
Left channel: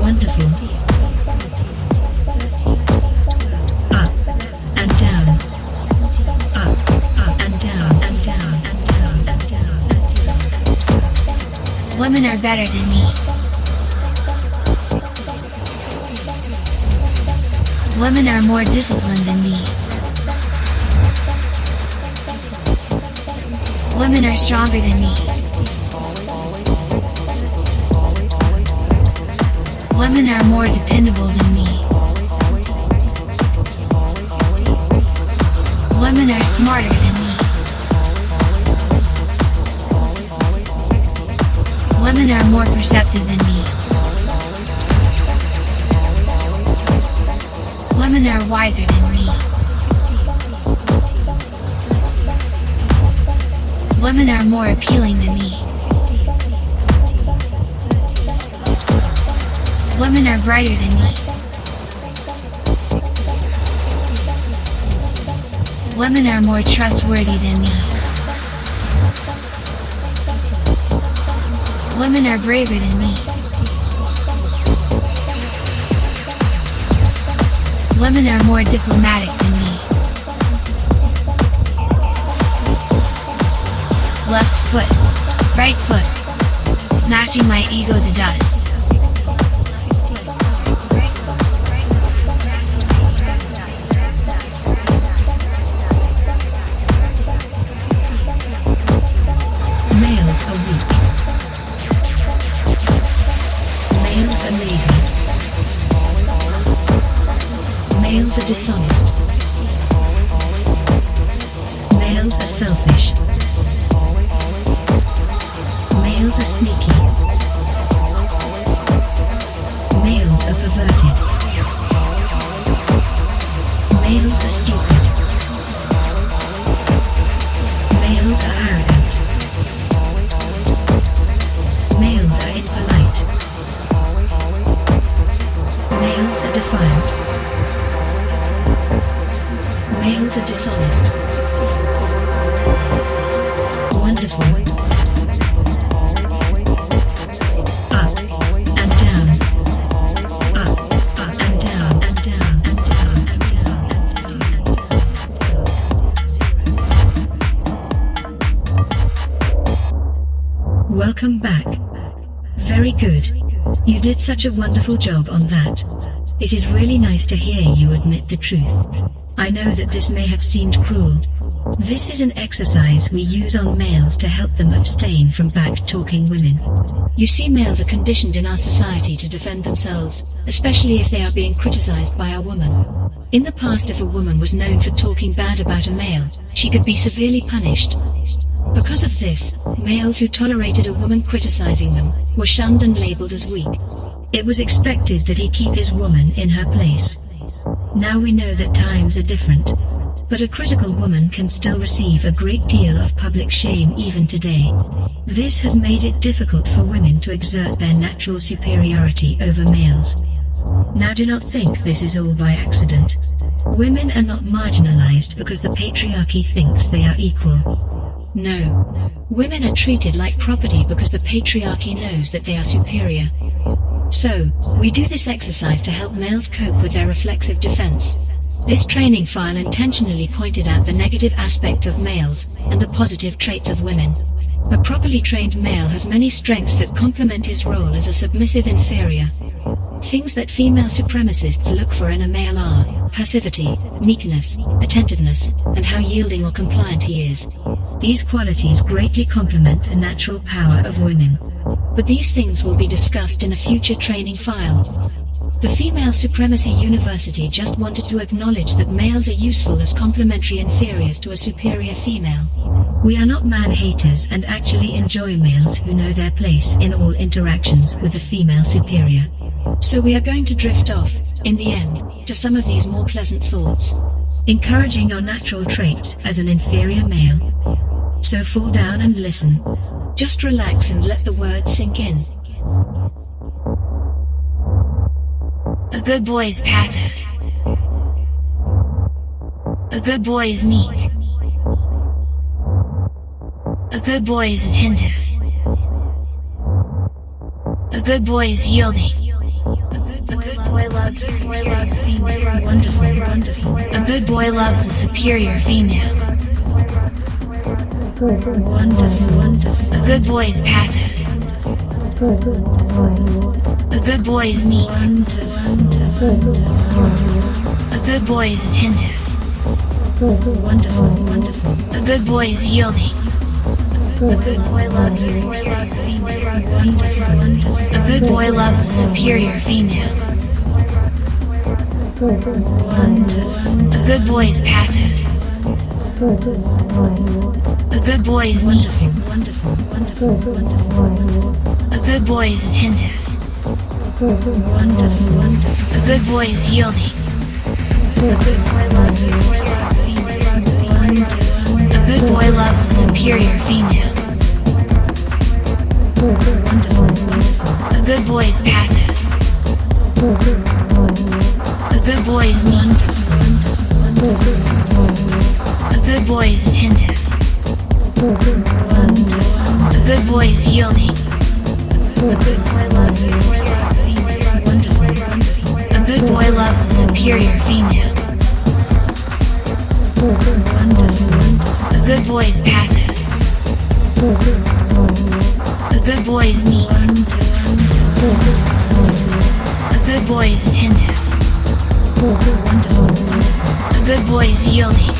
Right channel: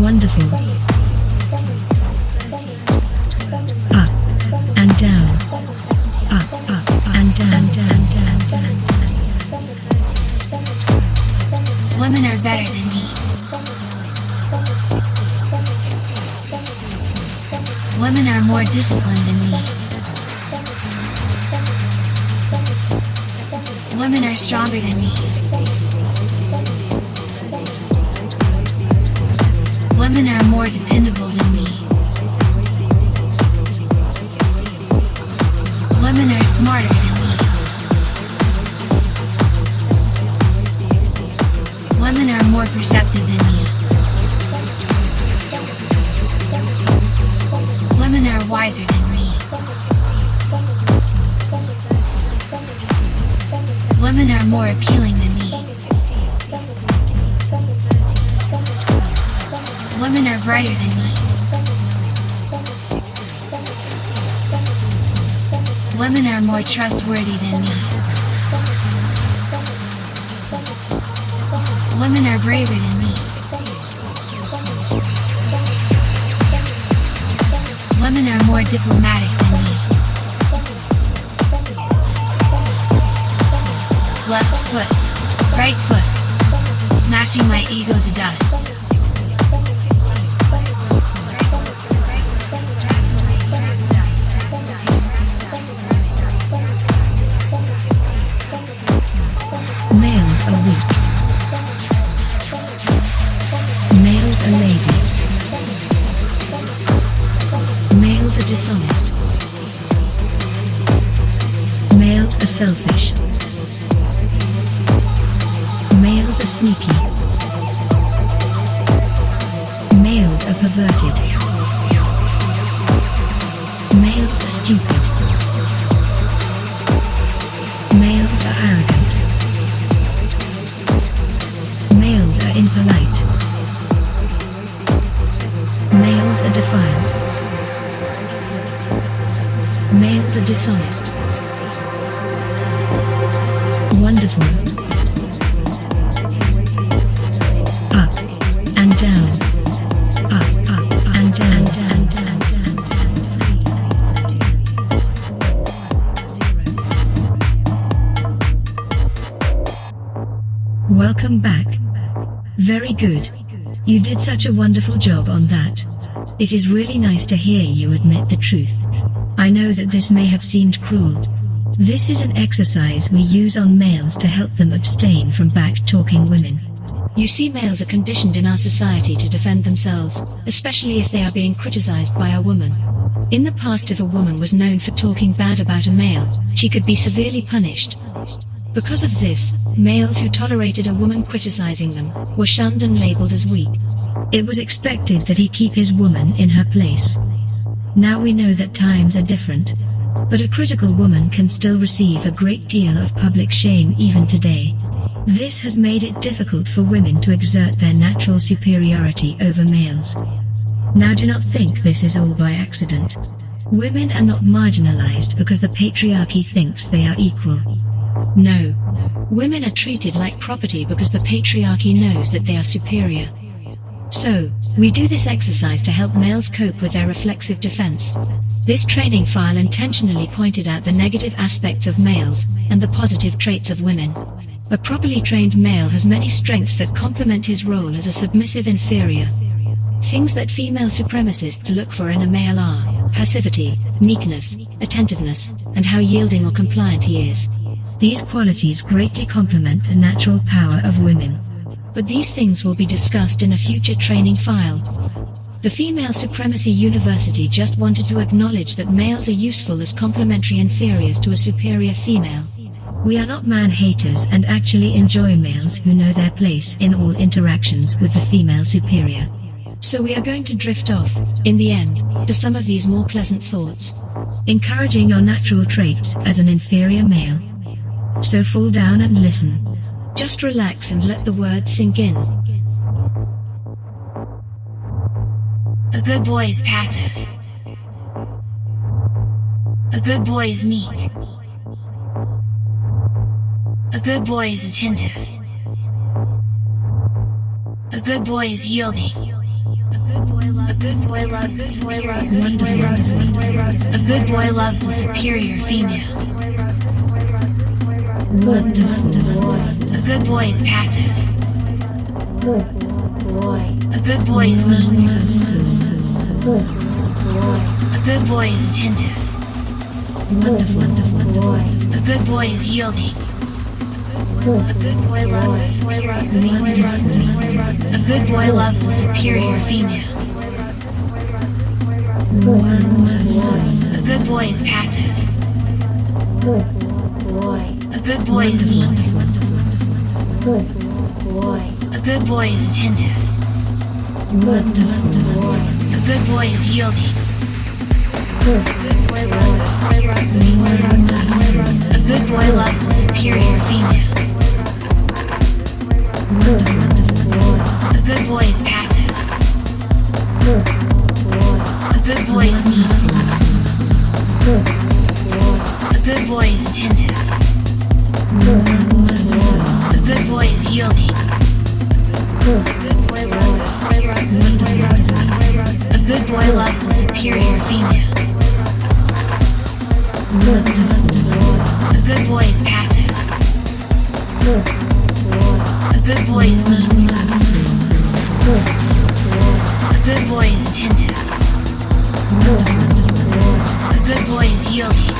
Wonderful. Up and down. Up and down. Women are better than me. Women are more disciplined than me. Women are stronger than me. Women are more dependable than me. Women are smarter. Women are more perceptive than me. Women are wiser than me. Women are more appealing than me. Women are brighter than me. Women are more trustworthy than me. Women are braver than me. Women are more diplomatic than me. Left foot, right foot, smashing my ego to dust. Males are weak. Males are lazy. Males are dishonest. Males are selfish. Males are sneaky. Males are perverted. Males are stupid. Males are arrogant. Males are impolite. Males are defiant. Males are dishonest. Wonderful. Up and down. Up and down. Welcome back. Very good. You did such a wonderful job on that. It is really nice to hear you admit the truth. I know that this may have seemed cruel. This is an exercise we use on males to help them abstain from back-talking women. You see, males are conditioned in our society to defend themselves, especially if they are being criticized by a woman. In the past, if a woman was known for talking bad about a male, she could be severely punished. Because of this, males who tolerated a woman criticizing them were shunned and labeled as weak. It was expected that he keep his woman in her place. Now we know that times are different, but a critical woman can still receive a great deal of public shame even today. This has made it difficult for women to exert their natural superiority over males. Now do not think this is all by accident. Women are not marginalized because the patriarchy thinks they are equal. No. Women are treated like property because the patriarchy knows that they are superior. So, we do this exercise to help males cope with their reflexive defense. This training file intentionally pointed out the negative aspects of males and the positive traits of women. A properly trained male has many strengths that complement his role as a submissive inferior. Things that female supremacists look for in a male are passivity, meekness, attentiveness, and how yielding or compliant he is. These qualities greatly complement the natural power of women. But these things will be discussed in a future training file. The Female Supremacy University just wanted to acknowledge that males are useful as complementary inferiors to a superior female. We are not man-haters and actually enjoy males who know their place in all interactions with the female superior. So we are going to drift off, in the end, to some of these more pleasant thoughts. Encouraging your natural traits as an inferior male. So fall down and listen. Just relax and let the words sink in. A good boy is passive. A good boy is meek. A good boy is attentive. A good boy is yielding. A good boy loves the superior female. A good boy is passive. A good boy is meek. A good boy is attentive. A good boy is yielding. A good boy loves the superior female. A good boy is passive. A good boy is weak. A good boy is attentive. A good boy is yielding. A good boy loves the superior female. A good boy is passive. A good boy is meek. A good boy is attentive. A good boy is yielding. A good boy loves the superior female. A good boy is passive. A good boy is meek. A good boy is attentive. A good boy is yielding.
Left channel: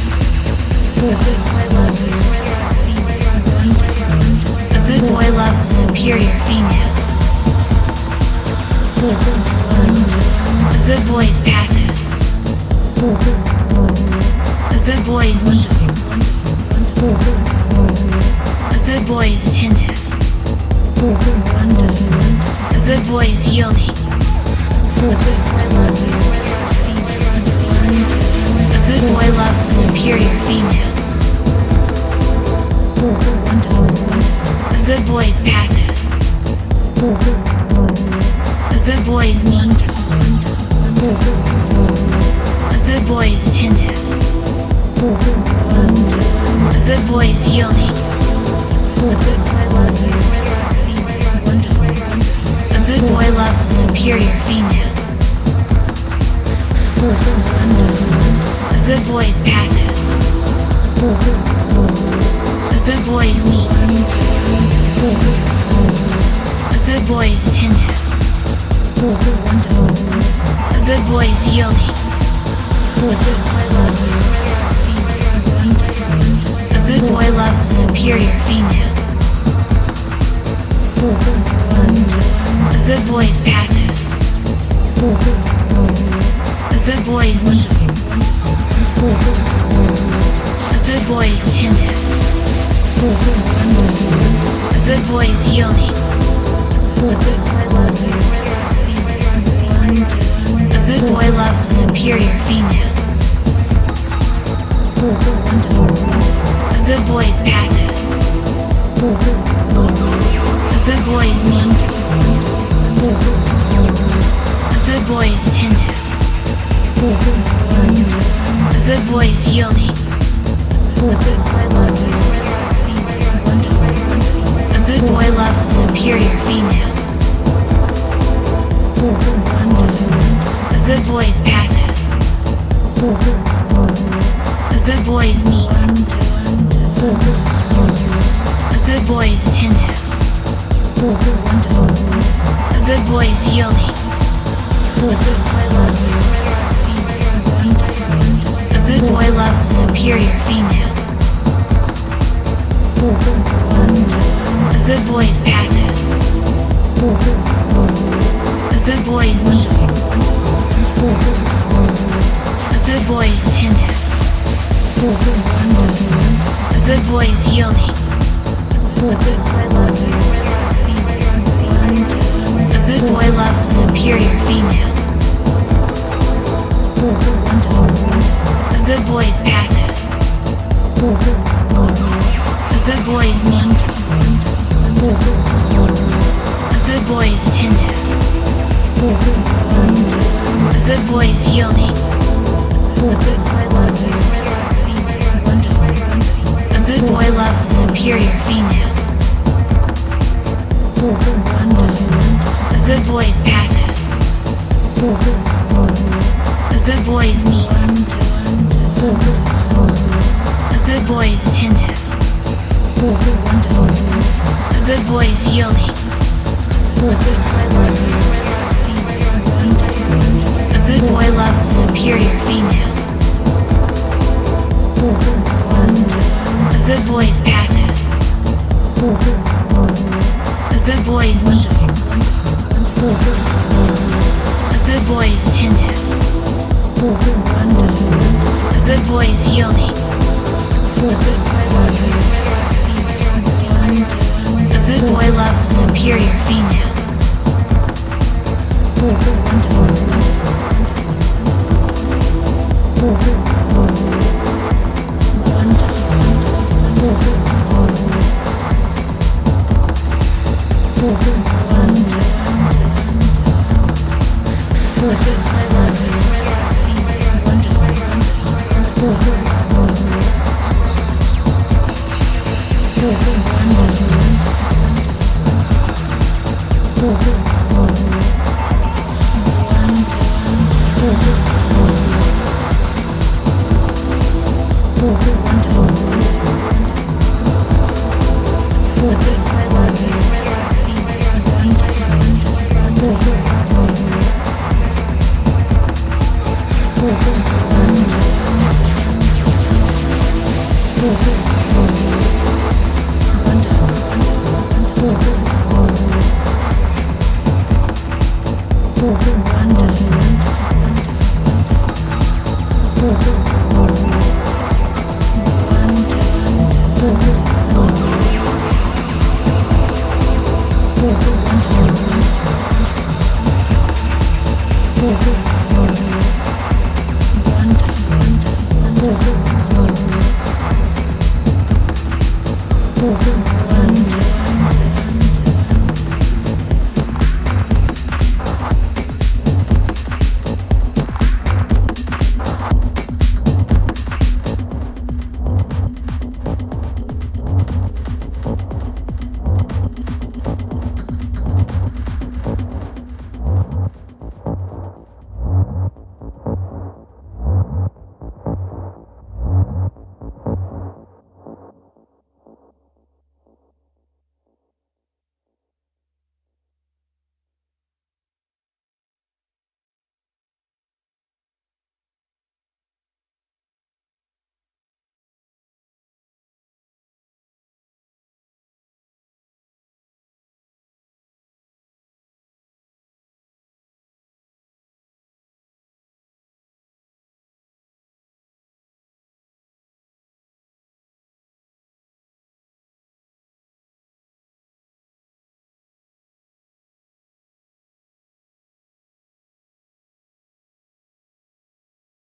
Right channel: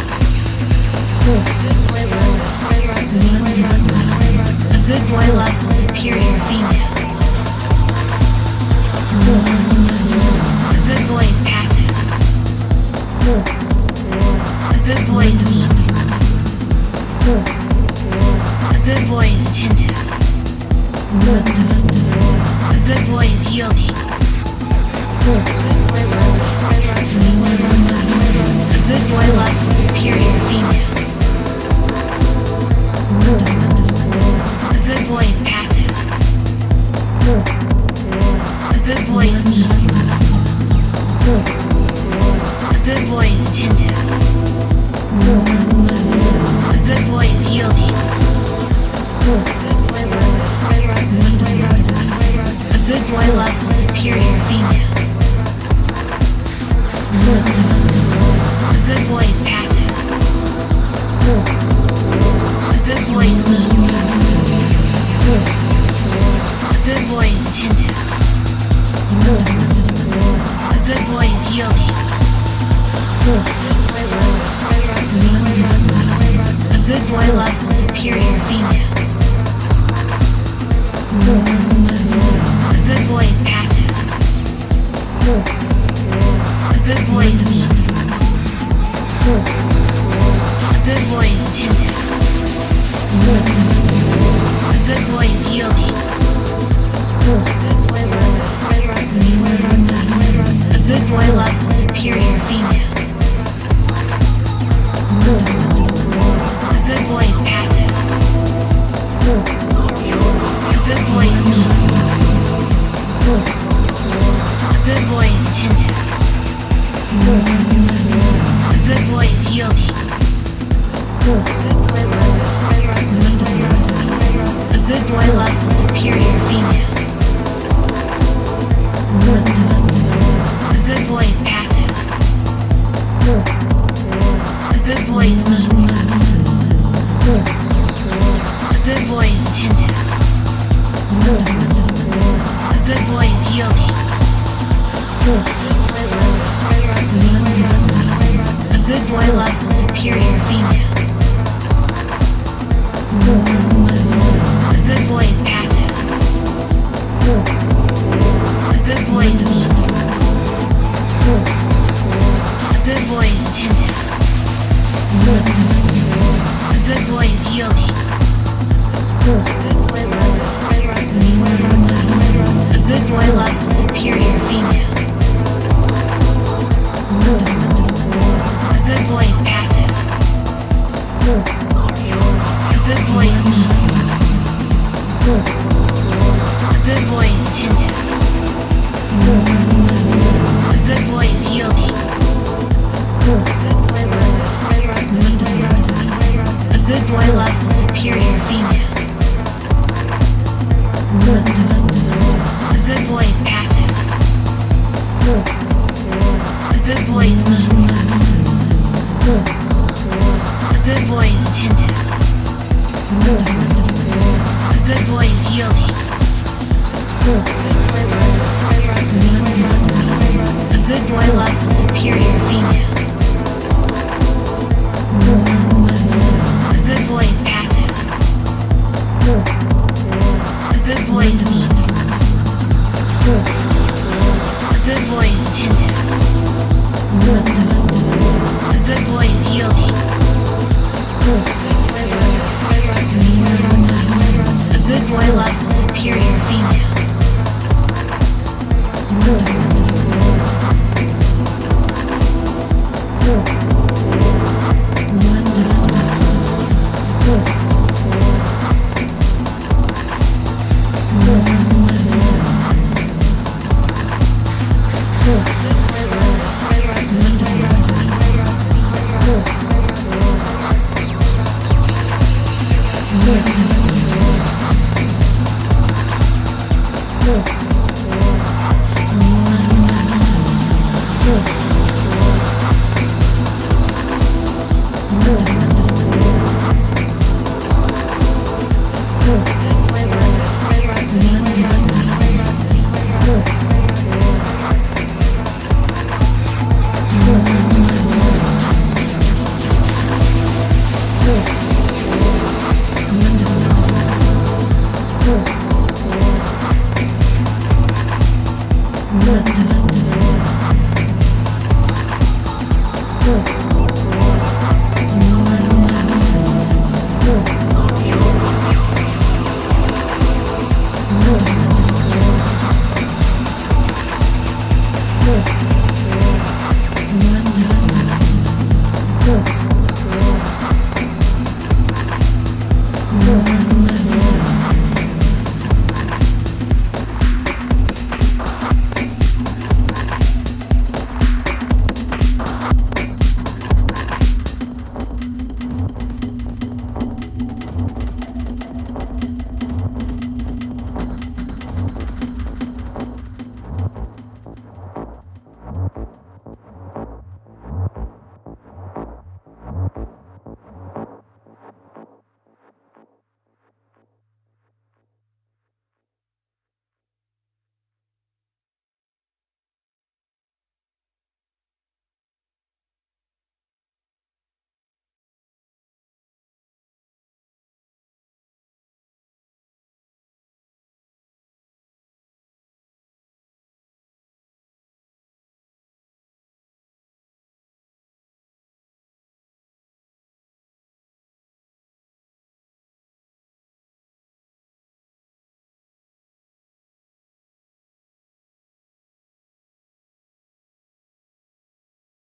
A good boy loves the superior female. A good boy is passive. A good boy is meek. A good boy is attentive. A good boy is yielding. A good boy loves the superior female. A good boy is passive. A good boy is meek. A good boy is attentive. A good boy is yielding. A good boy loves the superior female. A good boy is passive. A good boy is meek. A good boy is attentive. A good boy is yielding. A good boy loves the superior female. A good boy is passive. A good boy is meek. A good boy is attentive. A good boy is yielding. A good boy loves the superior female. A good boy is passive. A good boy is meek. A good boy is attentive. A good boy is yielding. A good boy loves the superior female. A good boy is passive. A good boy is meek. A good boy is attentive. A good boy is yielding. A good boy loves the superior female. A good boy is passive. A good boy is meek. A good boy is attentive. A good boy is yielding. A good boy loves the superior female. A good boy is passive.